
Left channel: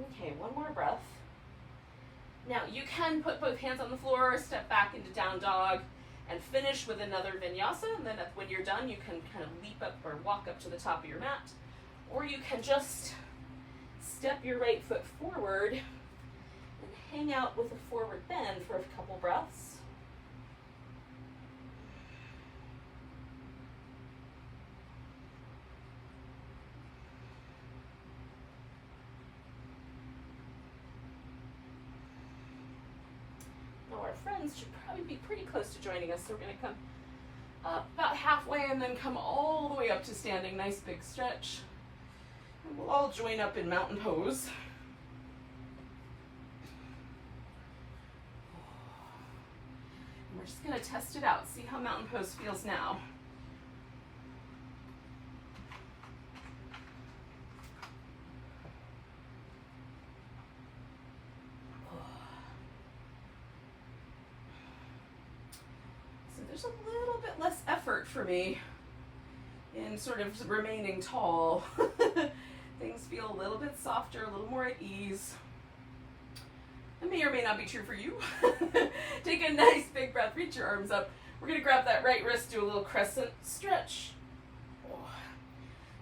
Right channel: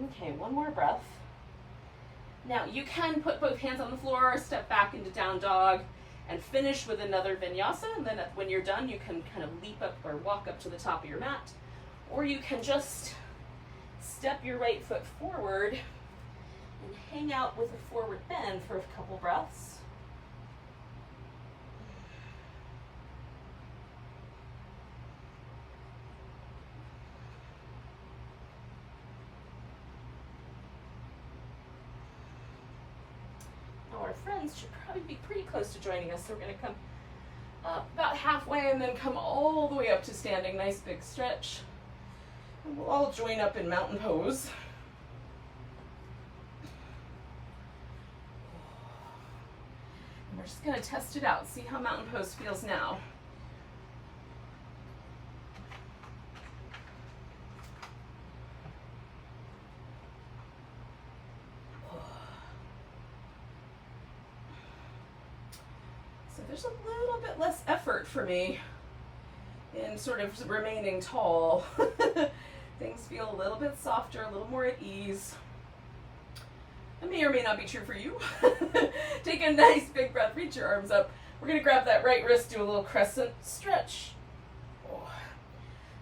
Okay, one more breath. Now you can put both hands on the floor, step back into down dog, and finish with another vinyasa. And then when you're done, you can kind of leap up or walk up to the top of your mat. Or you can just step your right foot forward and hang out with a forward bend for a couple breaths. Now our friends should probably be pretty close to joining us, so we're going to come up about halfway and then come all the way up to standing. Nice big stretch. And we'll all join up in mountain pose. And we're just going to test it out, see how mountain pose feels now. So there's a little bit less effort for me in sort of remaining tall. Things feel a little bit softer, a little more at ease. It may or may not be true for you. Take a nice big breath, reach your arms up. We're gonna grab that right wrist, do a little crescent stretch. Oh.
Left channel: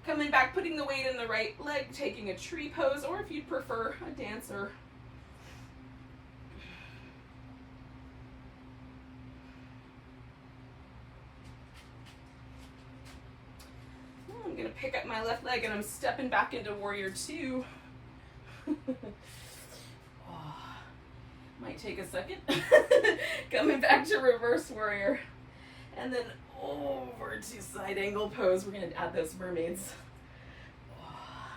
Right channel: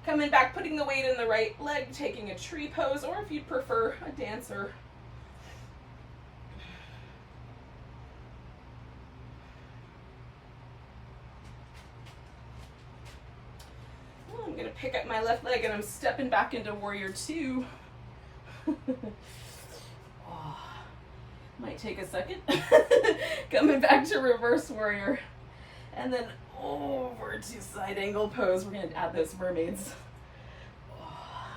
Coming back, putting the weight in the right leg, taking a tree pose, or if you prefer, a dancer. I'm going to pick up my left leg and I'm stepping back into warrior two. Oh, might take a second. Coming back to reverse warrior. And then over to side angle pose. We're going to add those mermaids. Oh.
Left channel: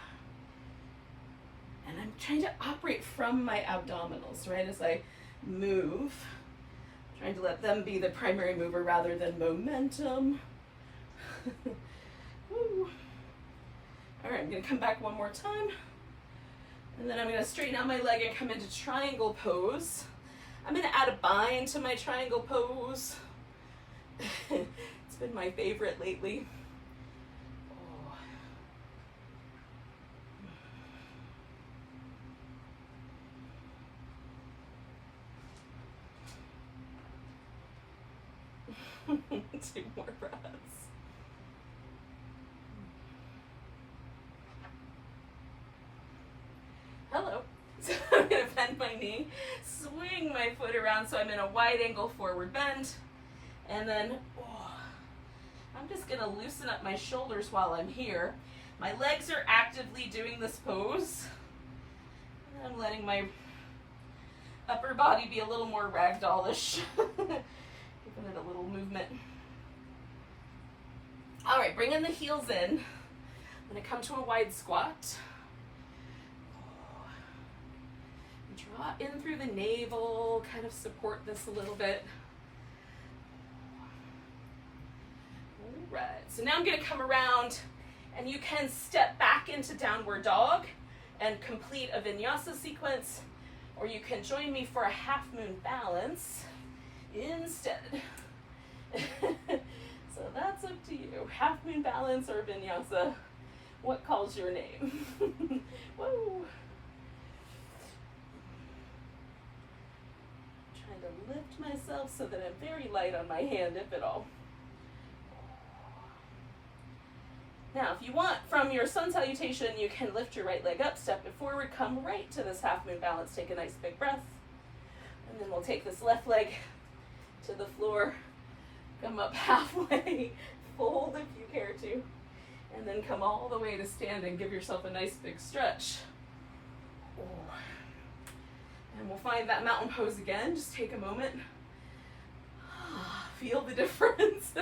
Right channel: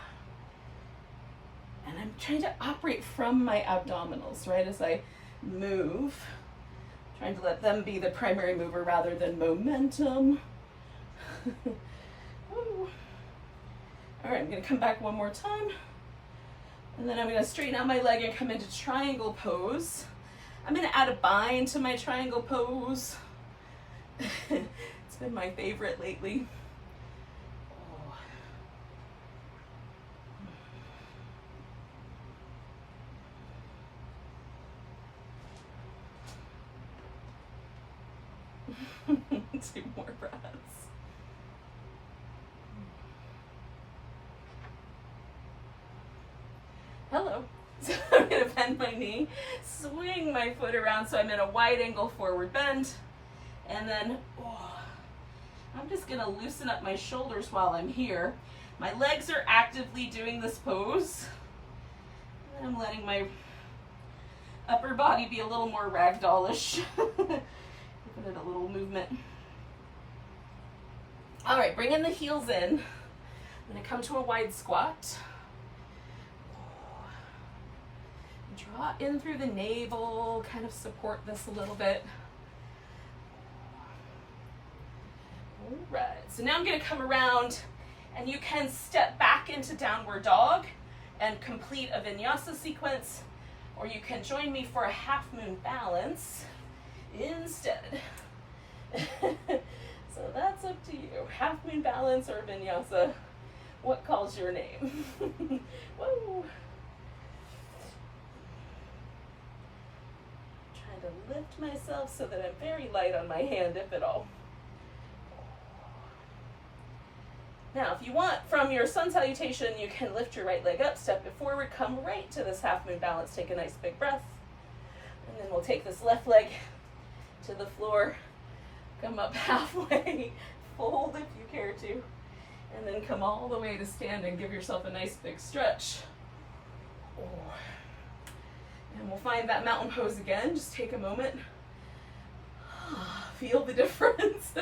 And I'm trying to operate from my abdominals, right, as I move. Trying to let them be the primary mover rather than momentum. All right, I'm going to come back one more time. And then I'm going to straighten out my leg and come into triangle pose. I'm going to add a bind to my triangle pose. It's been my favorite lately. Oh. 2 more breaths. Hello. So I'm going to bend my knee, swing my foot around so I'm in a wide angle forward bend, and then I'm just going to loosen up my shoulders while I'm here. My legs are actively doing this pose, and I'm letting my upper body be a little more ragdollish. Giving it a little movement. All right, bringing the heels in. I'm going to come to a wide squat. Draw in through the navel, kind of support this a little bit. All right, so now I'm gonna come around and you can step back into downward dog and complete a vinyasa sequence, or you can join me for a half moon balance instead. So that's up to you. Half moon balance or vinyasa, what calls your name? Whoa. Trying to lift myself so that I'm very light on my hand, if at all. Now, if you want, from your sun salutation, you can lift your right leg up, step it forward, come right to this half moon balance, take a nice big breath. And then we'll take this left leg to the floor, come up halfway, fold if you care to, and then come all the way to standing. Give yourself a nice big stretch. And we'll find that mountain pose again. Just take a moment. Feel the difference.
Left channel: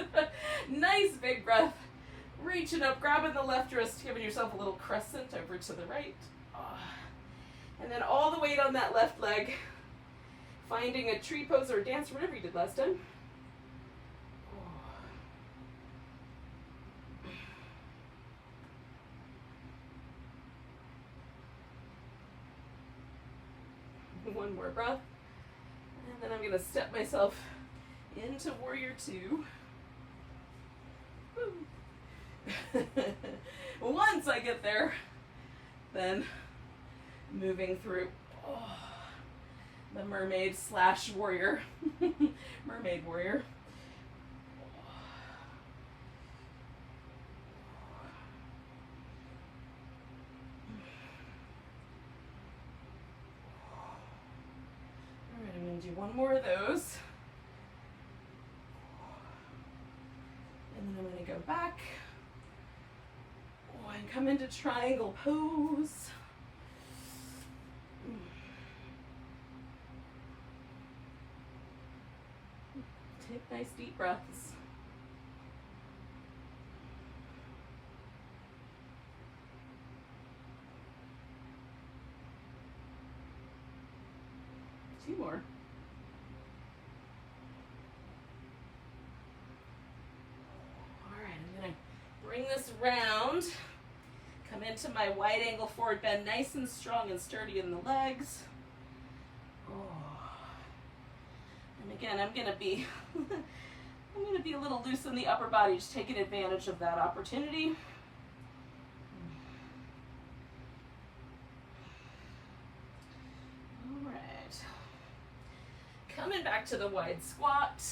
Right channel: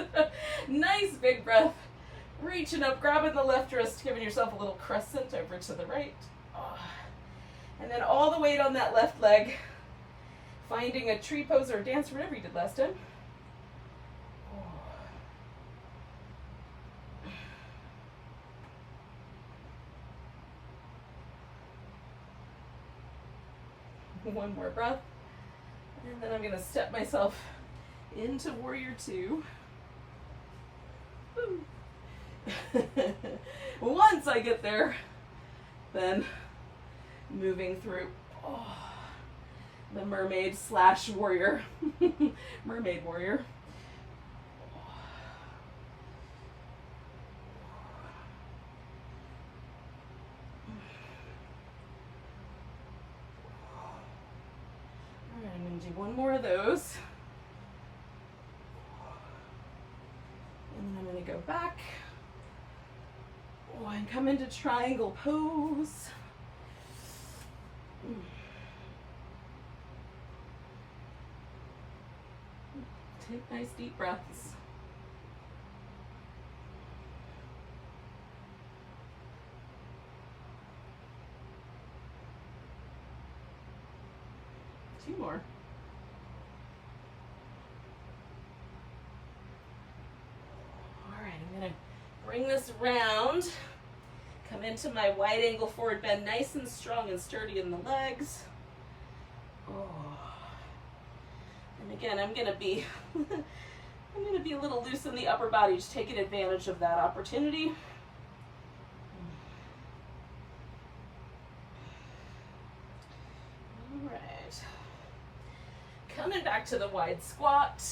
Nice big breath. Reaching up, grabbing the left wrist, giving yourself a little crescent over to the right. And then all the weight on that left leg. Finding a tree pose or dance, whatever you did last time. One more breath. And then I'm going to step myself into warrior two. Once I get there, then moving through the mermaid slash warrior. Mermaid warrior. I'm going to do one more of those. And then I'm going to go back. And come into triangle pose. Take nice deep breaths. Two more. All right, I'm going to bring this round. Come into my wide angle forward bend, nice and strong and sturdy in the legs. And again, I'm going to be a little loose in the upper body, just taking advantage of that opportunity. All right. Coming back to the wide squat.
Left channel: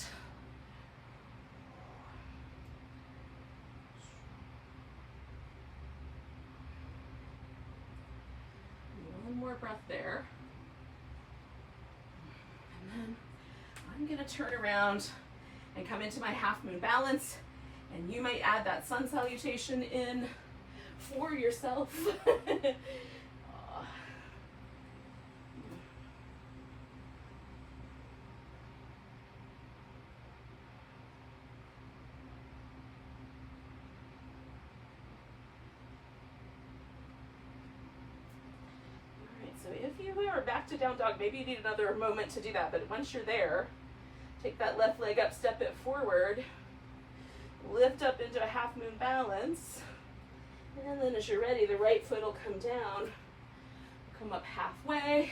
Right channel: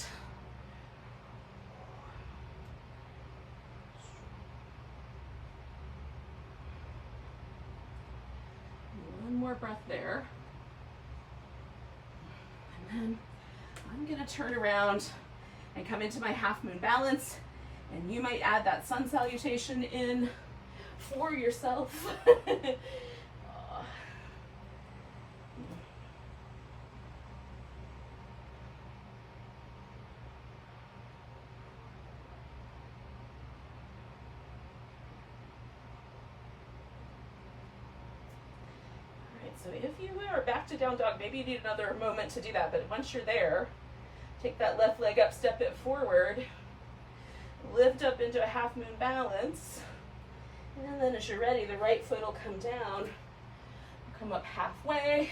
One more breath there. And then I'm going to turn around and come into my half moon balance. And you might add that sun salutation in for yourself. So if you are back to down dog, maybe you need another moment to do that, but once you're there, take that left leg up, step it forward, lift up into a half moon balance, and then as you're ready, the right foot will come down, come up halfway,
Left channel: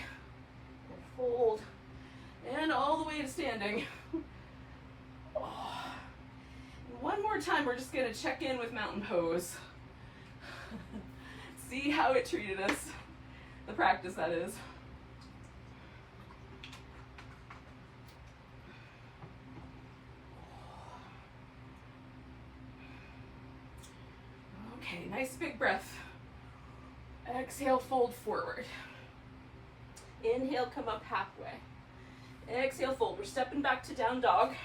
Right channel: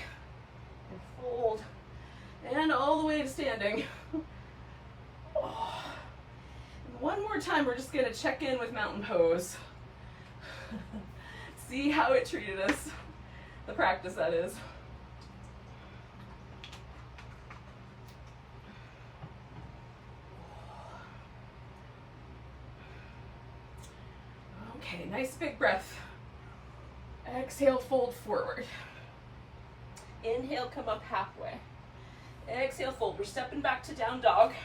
and fold, and all the way to standing. One more time, we're just gonna check in with mountain pose. See how it treated us. The practice, that is. Okay, nice big breath. Exhale, fold forward. Inhale, come up halfway. Exhale, fold. We're stepping back to down dog.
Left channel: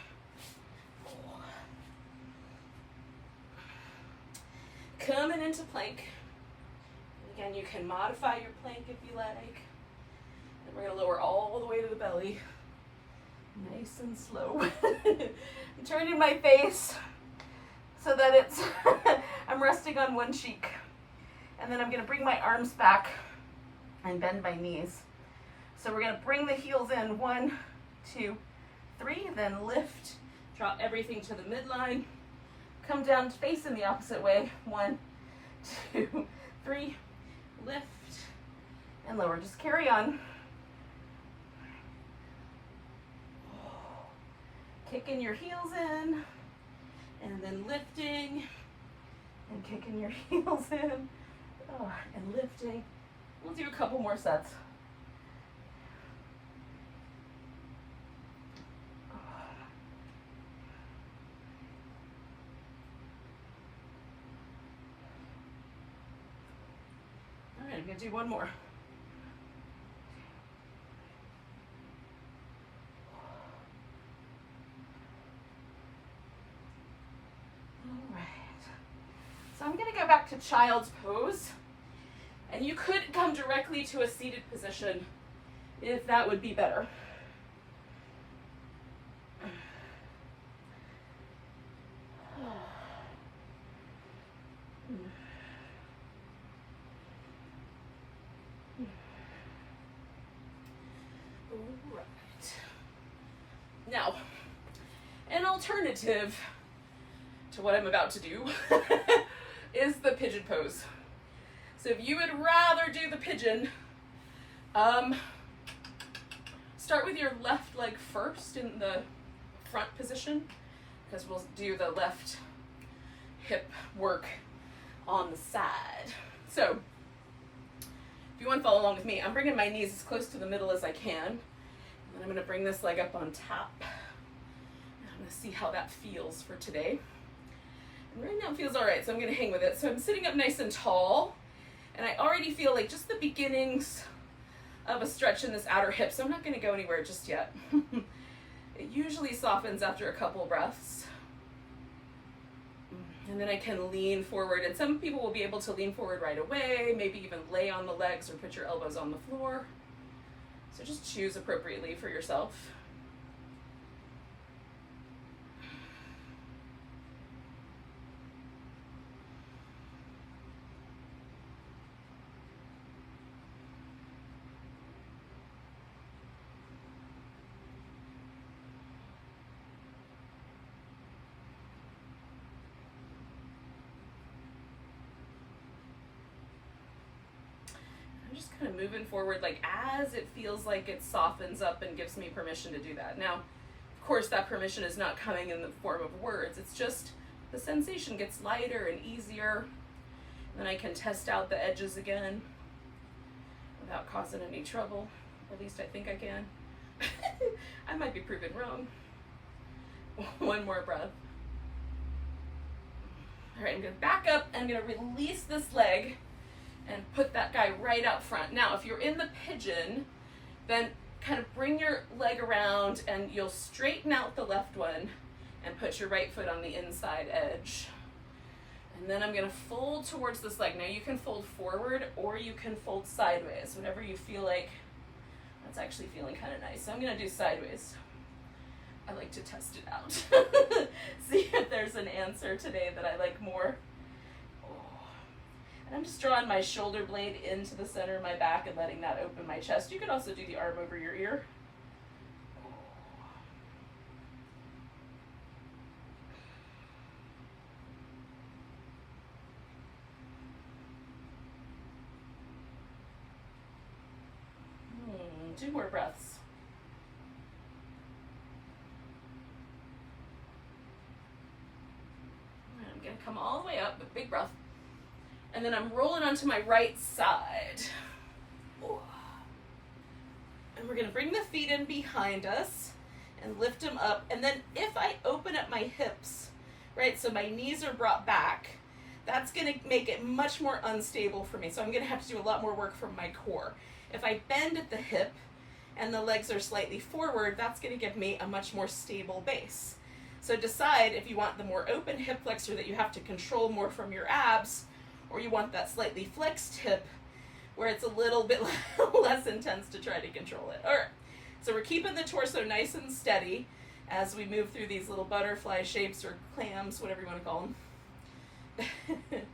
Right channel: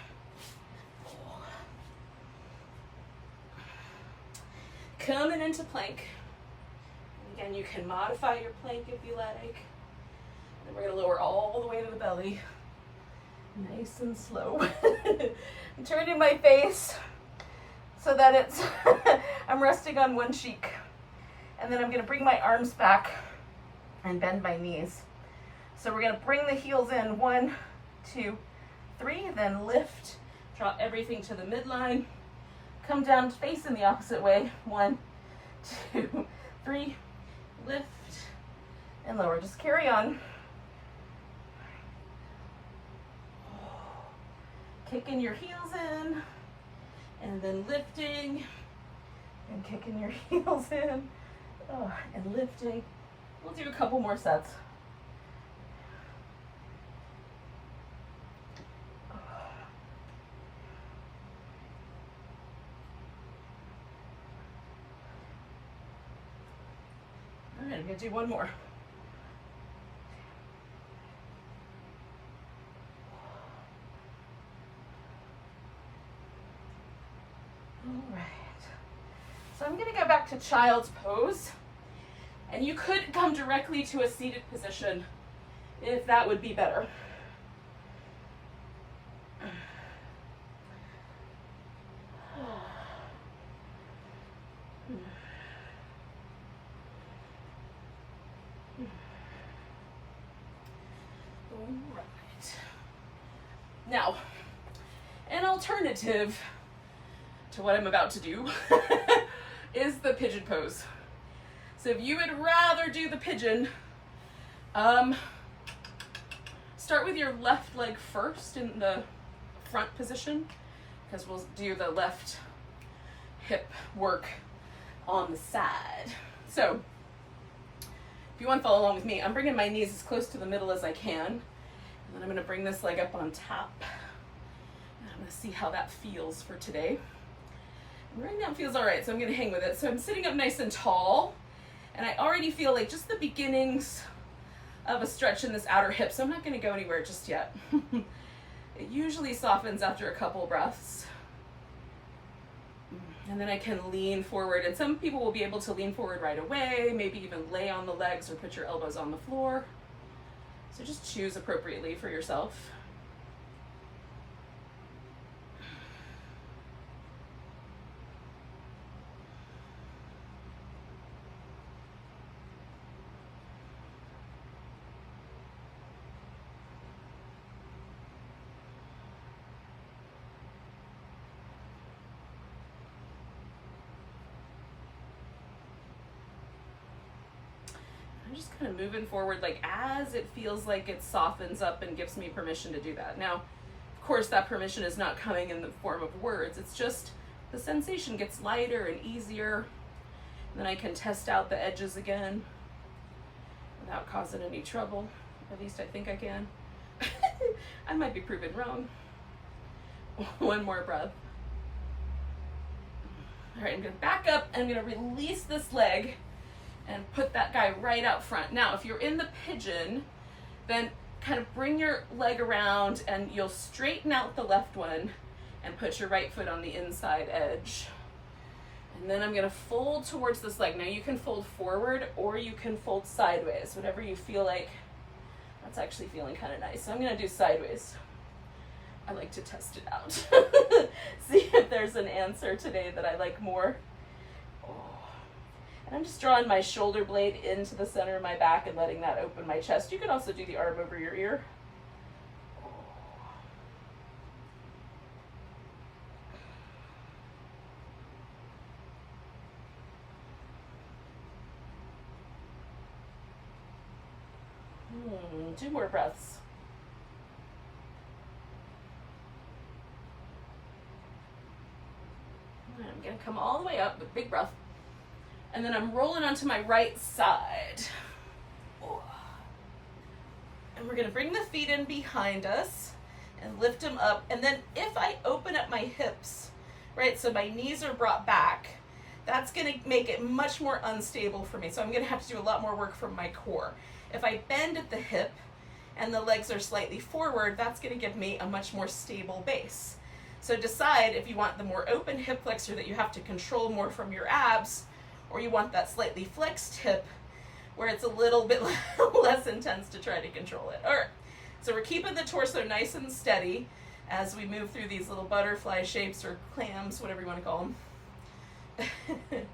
Coming into plank. Again, you can modify your plank if you like. And we're going to lower all the way to the belly. Nice and slow. I'm turning my face so that it's, I'm resting on one cheek. And then I'm going to bring my arms back and bend my knees. So we're gonna bring the heels in, 1, 2, 3, then lift, drop everything to the midline, come down facing the opposite way, 1, 2, 3, lift, and lower. Just carry on. Kicking your heels in, and then lifting, and kicking your heels in, and lifting. We'll do a couple more sets. All right, I'm gonna do one more. All right. So I'm gonna go back to child's pose, and you could come directly to a seated position if that would be better. Now, an alternative to what I'm about to do is the pigeon pose. So if you would rather do the pigeon, start with your left leg first in the front position, because we'll do the left hip work on the side. So if you want to follow along with me, I'm bringing my knees as close to the middle as I can. And then I'm going to bring this leg up on top. And I'm going to see how that feels for today. And right now it feels all right, so I'm going to hang with it. So I'm sitting up nice and tall, and I already feel like just the beginnings of a stretch in this outer hip, so I'm not going to go anywhere just yet. It usually softens after a couple breaths. And then I can lean forward, and some people will be able to lean forward right away, maybe even lay on the legs or put your elbows on the floor. So just choose appropriately for yourself. Just kind of moving forward, like as it feels like it softens up and gives me permission to do that. Now, of course, that permission is not coming in the form of words. It's just the sensation gets lighter and easier. And then I can test out the edges again without causing any trouble. At least I think I can. I might be proven wrong. One more breath. All right, I'm gonna back up and I'm gonna release this leg and put that guy right out front. Now, if you're in the pigeon, then kind of bring your leg around and you'll straighten out the left one and put your right foot on the inside edge. And then I'm gonna fold towards this leg. Now you can fold forward or you can fold sideways, whatever you feel like. That's actually feeling kind of nice. So I'm gonna do sideways. I like to test it out. See if there's an answer today that I like more. And I'm just drawing my shoulder blade into the center of my back and letting that open my chest. You can also do the arm over your ear. Two more breaths. I'm gonna come all the way up with big breath. And then I'm rolling onto my right side. And we're gonna bring the feet in behind us and lift them up. And then if I open up my hips, right, so my knees are brought back, that's gonna make it much more unstable for me. So I'm gonna have to do a lot more work from my core. If I bend at the hip and the legs are slightly forward, that's gonna give me a much more stable base. So decide if you want the more open hip flexor that you have to control more from your abs, or you want that slightly flexed hip where it's a little bit less intense to try to control it. All right, so we're keeping the torso nice and steady as we move through these little butterfly shapes or clams, whatever you want to call them.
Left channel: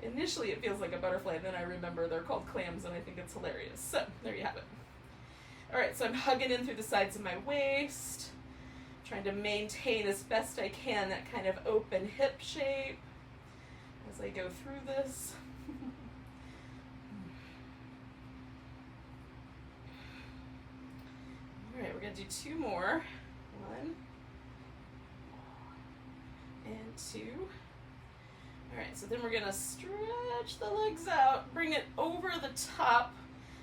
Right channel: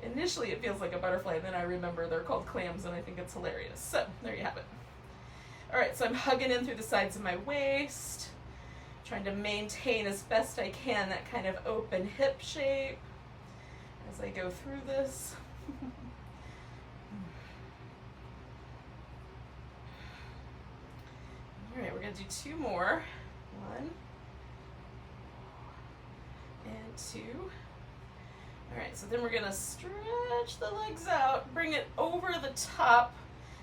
Initially it feels like a butterfly, and then I remember they're called clams, and I think it's hilarious. So there you have it. All right, so I'm hugging in through the sides of my waist, trying to maintain as best I can that kind of open hip shape as I go through this. All right, we're gonna do 2 more. 1 and 2. All right, so then we're gonna stretch the legs out, bring it over the top.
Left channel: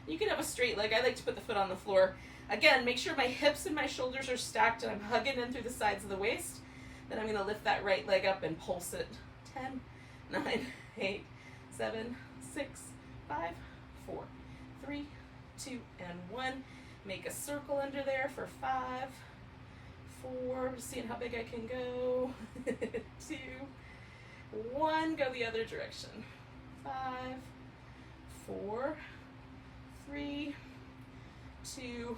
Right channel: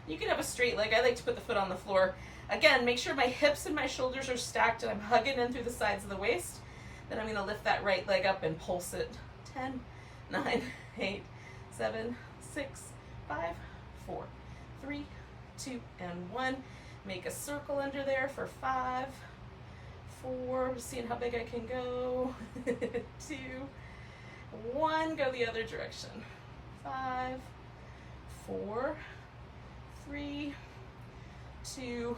You can have a straight leg. I like to put the foot on the floor. Again, make sure my hips and my shoulders are stacked and I'm hugging in through the sides of the waist. Then I'm gonna lift that right leg up and pulse it. 10, 9, 8, 7, 6, 5, 4, 3, 2, and 1. Make a circle under there for 5, 4, seeing how big I can go. 2, 1, go the other direction. 5, 4, 3, 2,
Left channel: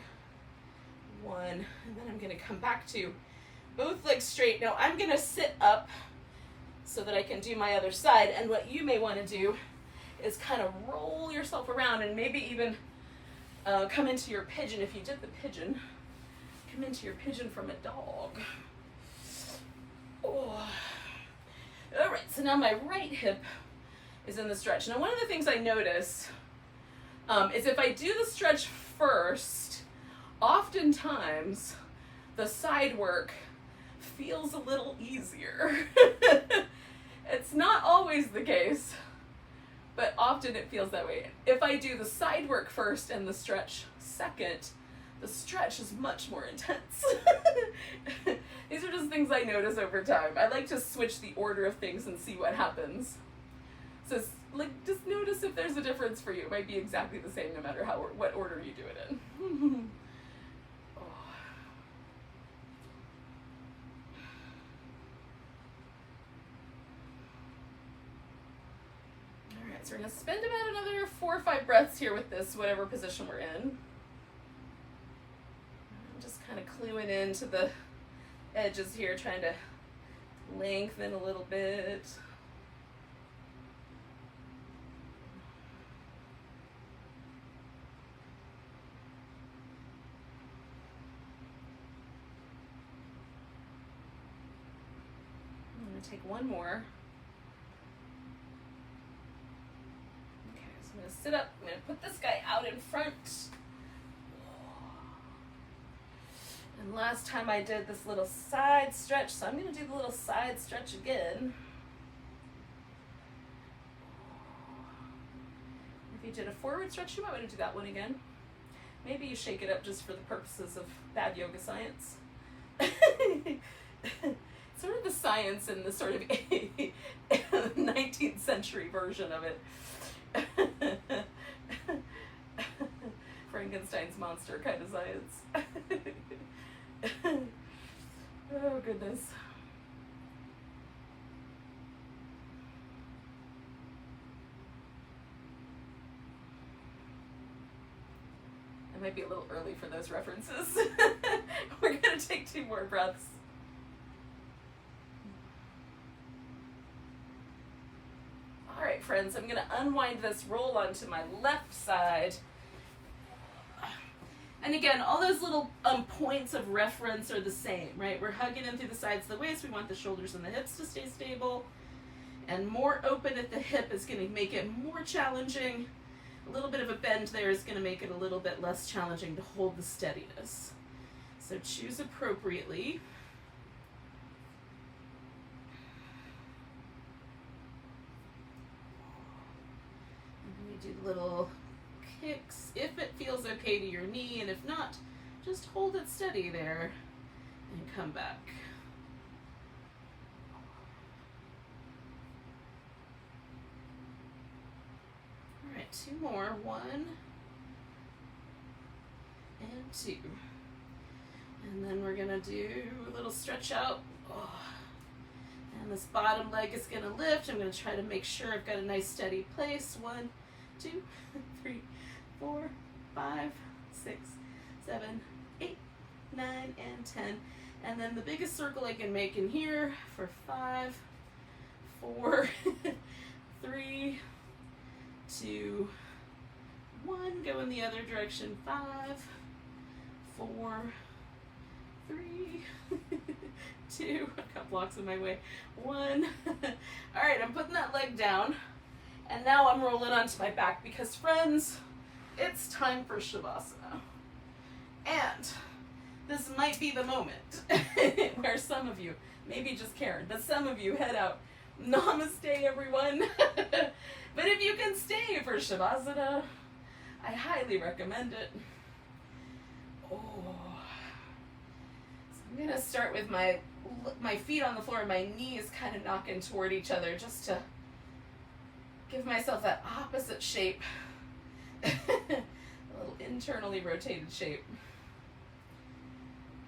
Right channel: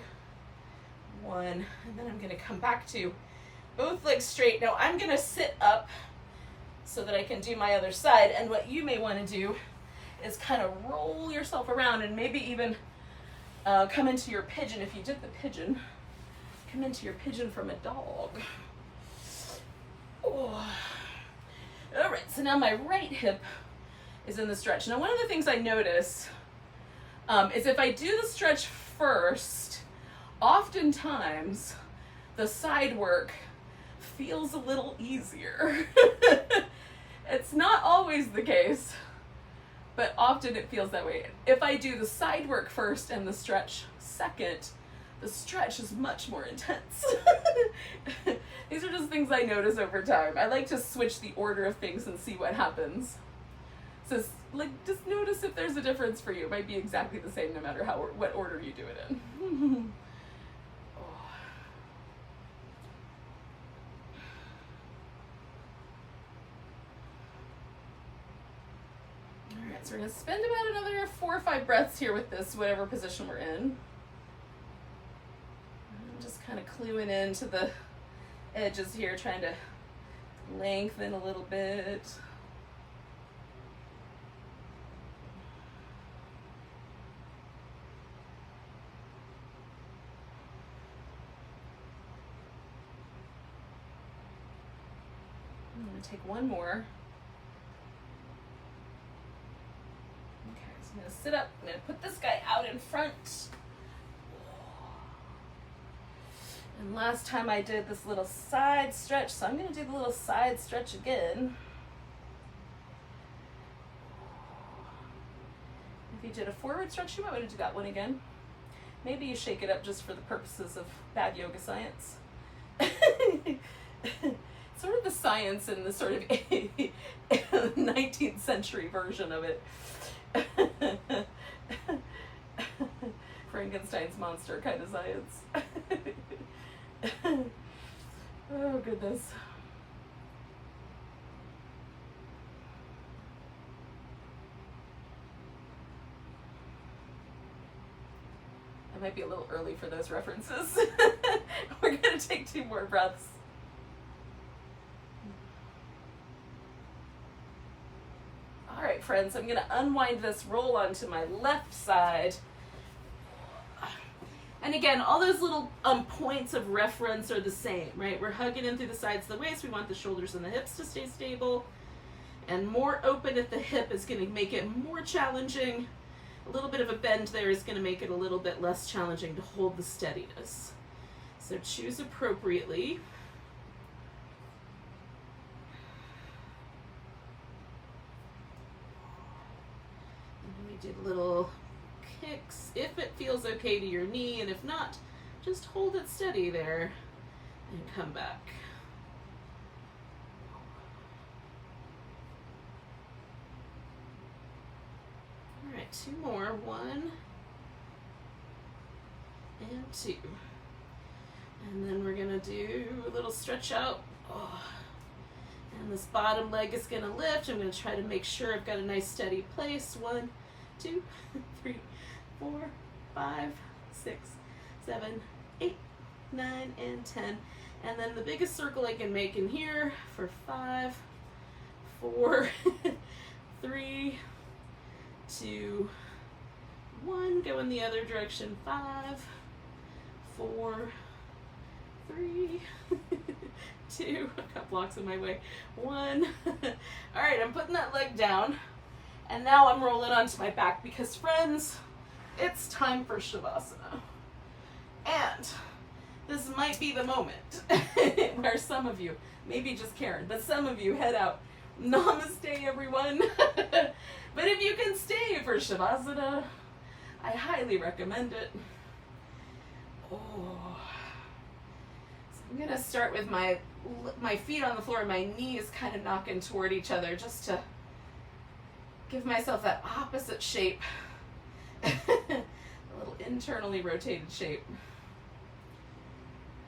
1. And then I'm gonna come back to both legs straight. Now I'm gonna sit up so that I can do my other side. And what you may wanna do is kind of roll yourself around and maybe even come into your pigeon. If you did the pigeon, come into your pigeon from a dog. Oh. All right, so now my right hip is in the stretch. Now one of the things I notice is if I do the stretch first, oftentimes the side work feels a little easier. It's not always the case, but often it feels that way. If I do the side work first and the stretch second, the stretch is much more intense. These are just things I notice over time. I like to switch the order of things and see what happens. So like, just notice if there's a difference for you. It might be exactly the same no matter what order you do it in. Oh. All right, so we're gonna spend about another 4 or 5 breaths here with this, whatever position we're in. I'm just kind of cluing into the edges here, trying to lengthen a little bit. I'm going to take 1 more. Okay, so I'm going to sit up. I'm going to put this guy out in front. And last time I did this little side stretch, so I'm going to do the little side stretch again. If you did a forward stretch, you might want to do that one again. Maybe you shake it up just for the purposes of bad yoga science. Sort of the science and the sort of 19th century version of it. Frankenstein's monster kind of science. Oh, goodness. I might be a little early for those references. We're going to take 2 more breaths. All right, friends, I'm going to unwind this, roll onto my left side. And again, all those little points of reference are the same, right? We're hugging in through the sides of the waist. We want the shoulders and the hips to stay stable. And more open at the hip is going to make it more challenging. A little bit of a bend there is going to make it a little bit less challenging to hold the steadiness. So choose appropriately. And we do little kicks if it feels okay to your knee, and if not, just hold it steady there and come back. All right, 2 more. 1 and 2. And then we're gonna do a little stretch out. Oh. And this bottom leg is gonna lift. I'm gonna try to make sure I've got a nice steady place. 1, 2, 3, 4, 5, 6, 7, 8, 9, and 10. And then the biggest circle I can make in here for 5, 4, 3, 2, 1. Go in the other direction. 5, 4, 3, 2, I've got blocks in my way, 1. All right, I'm putting that leg down, and now I'm rolling onto my back because, friends, it's time for Shavasana. And this might be the moment where some of you, maybe just Karen, but some of you head out. Namaste, everyone. But if you can stay for Shavasana, I highly recommend it. Oh. So I'm going to start with my feet on the floor and my knees kind of knocking toward each other just to give myself that opposite shape. A little internally rotated shape.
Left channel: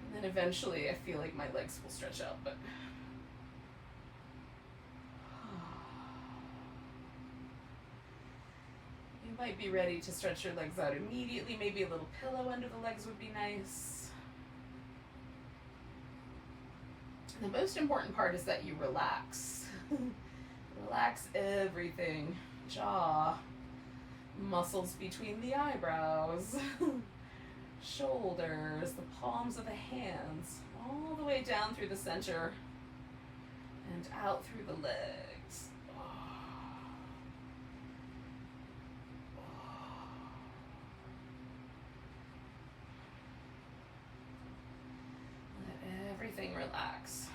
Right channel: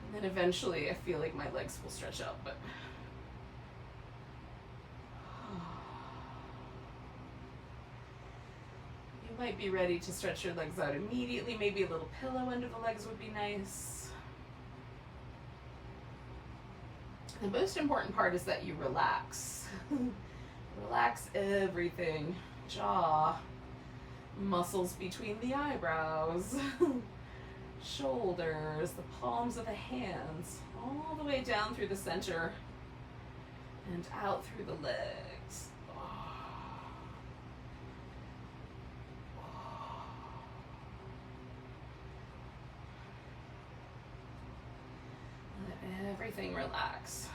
And then eventually I feel like my legs will stretch out, but you might be ready to stretch your legs out immediately. Maybe a little pillow under the legs would be nice. The most important part is that you relax. Relax everything. Jaw, muscles between the eyebrows, shoulders, the palms of the hands, all the way down through the center and out through the legs. Let everything relax.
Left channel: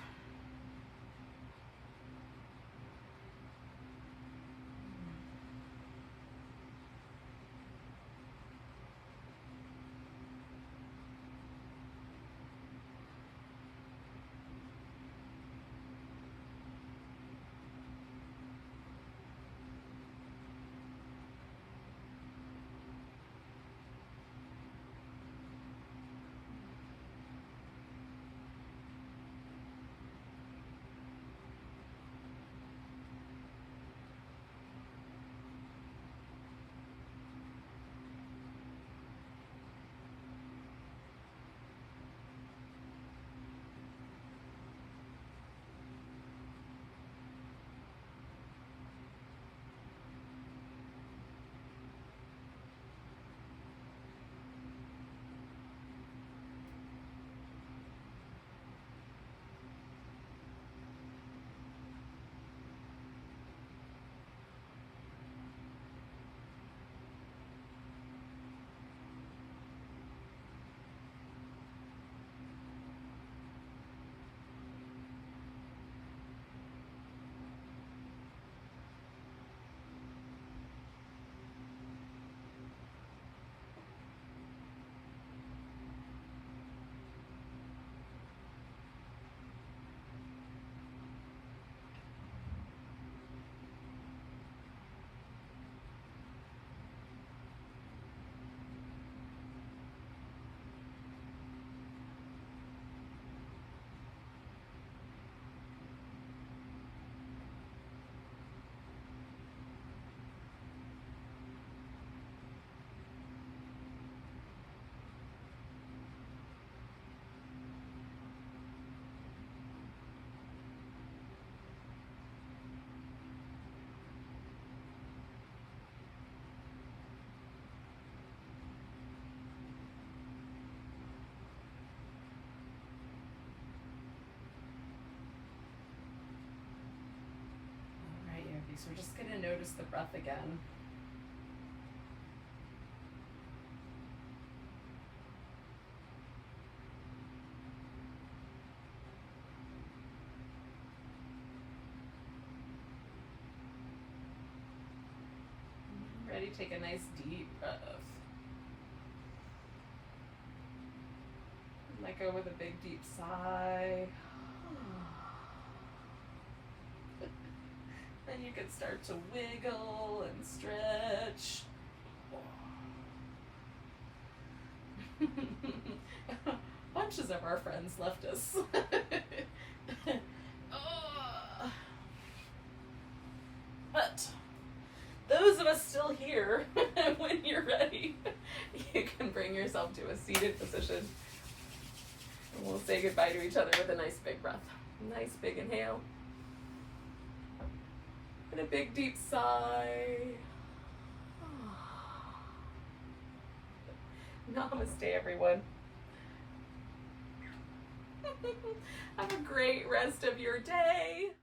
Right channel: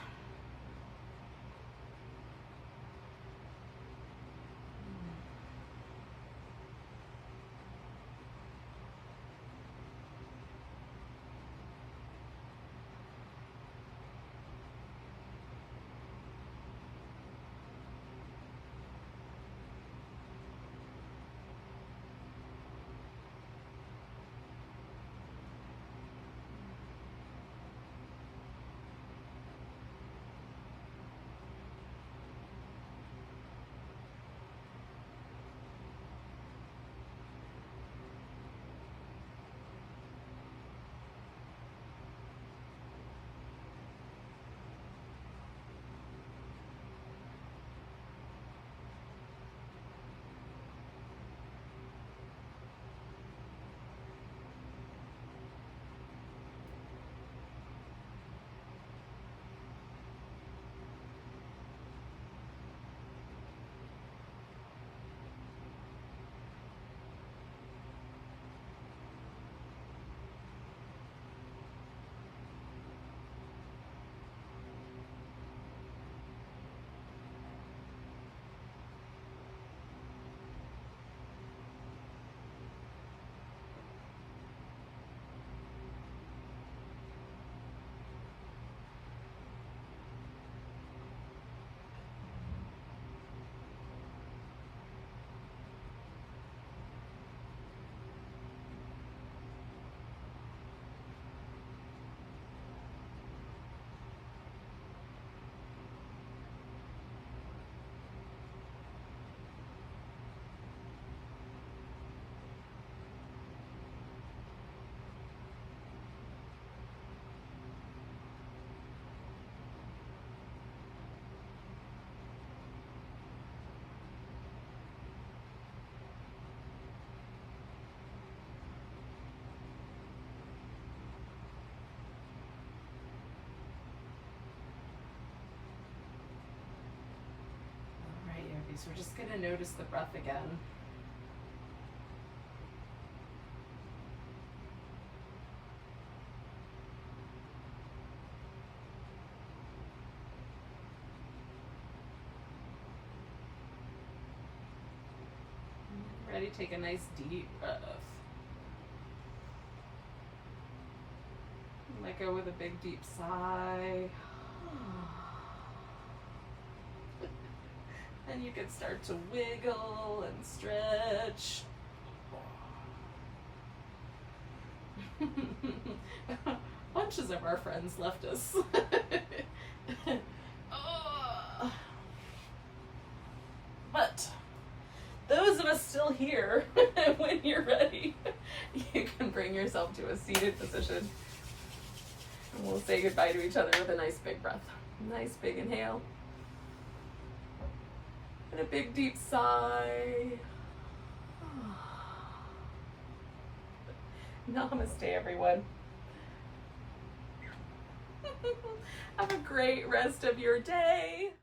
So we're just going to notice the breath again. Ready? Take a nice deep breath. Let go with a big deep sigh. And you can start to wiggle and stretch. Bunches of our friends left us. But those of us still here, when you're ready, you can bring yourself to a seated position. And we'll say goodbye to each other with a nice big breath. Nice big inhale. And a big deep sigh. Namaste, everyone. Have a great rest of your day.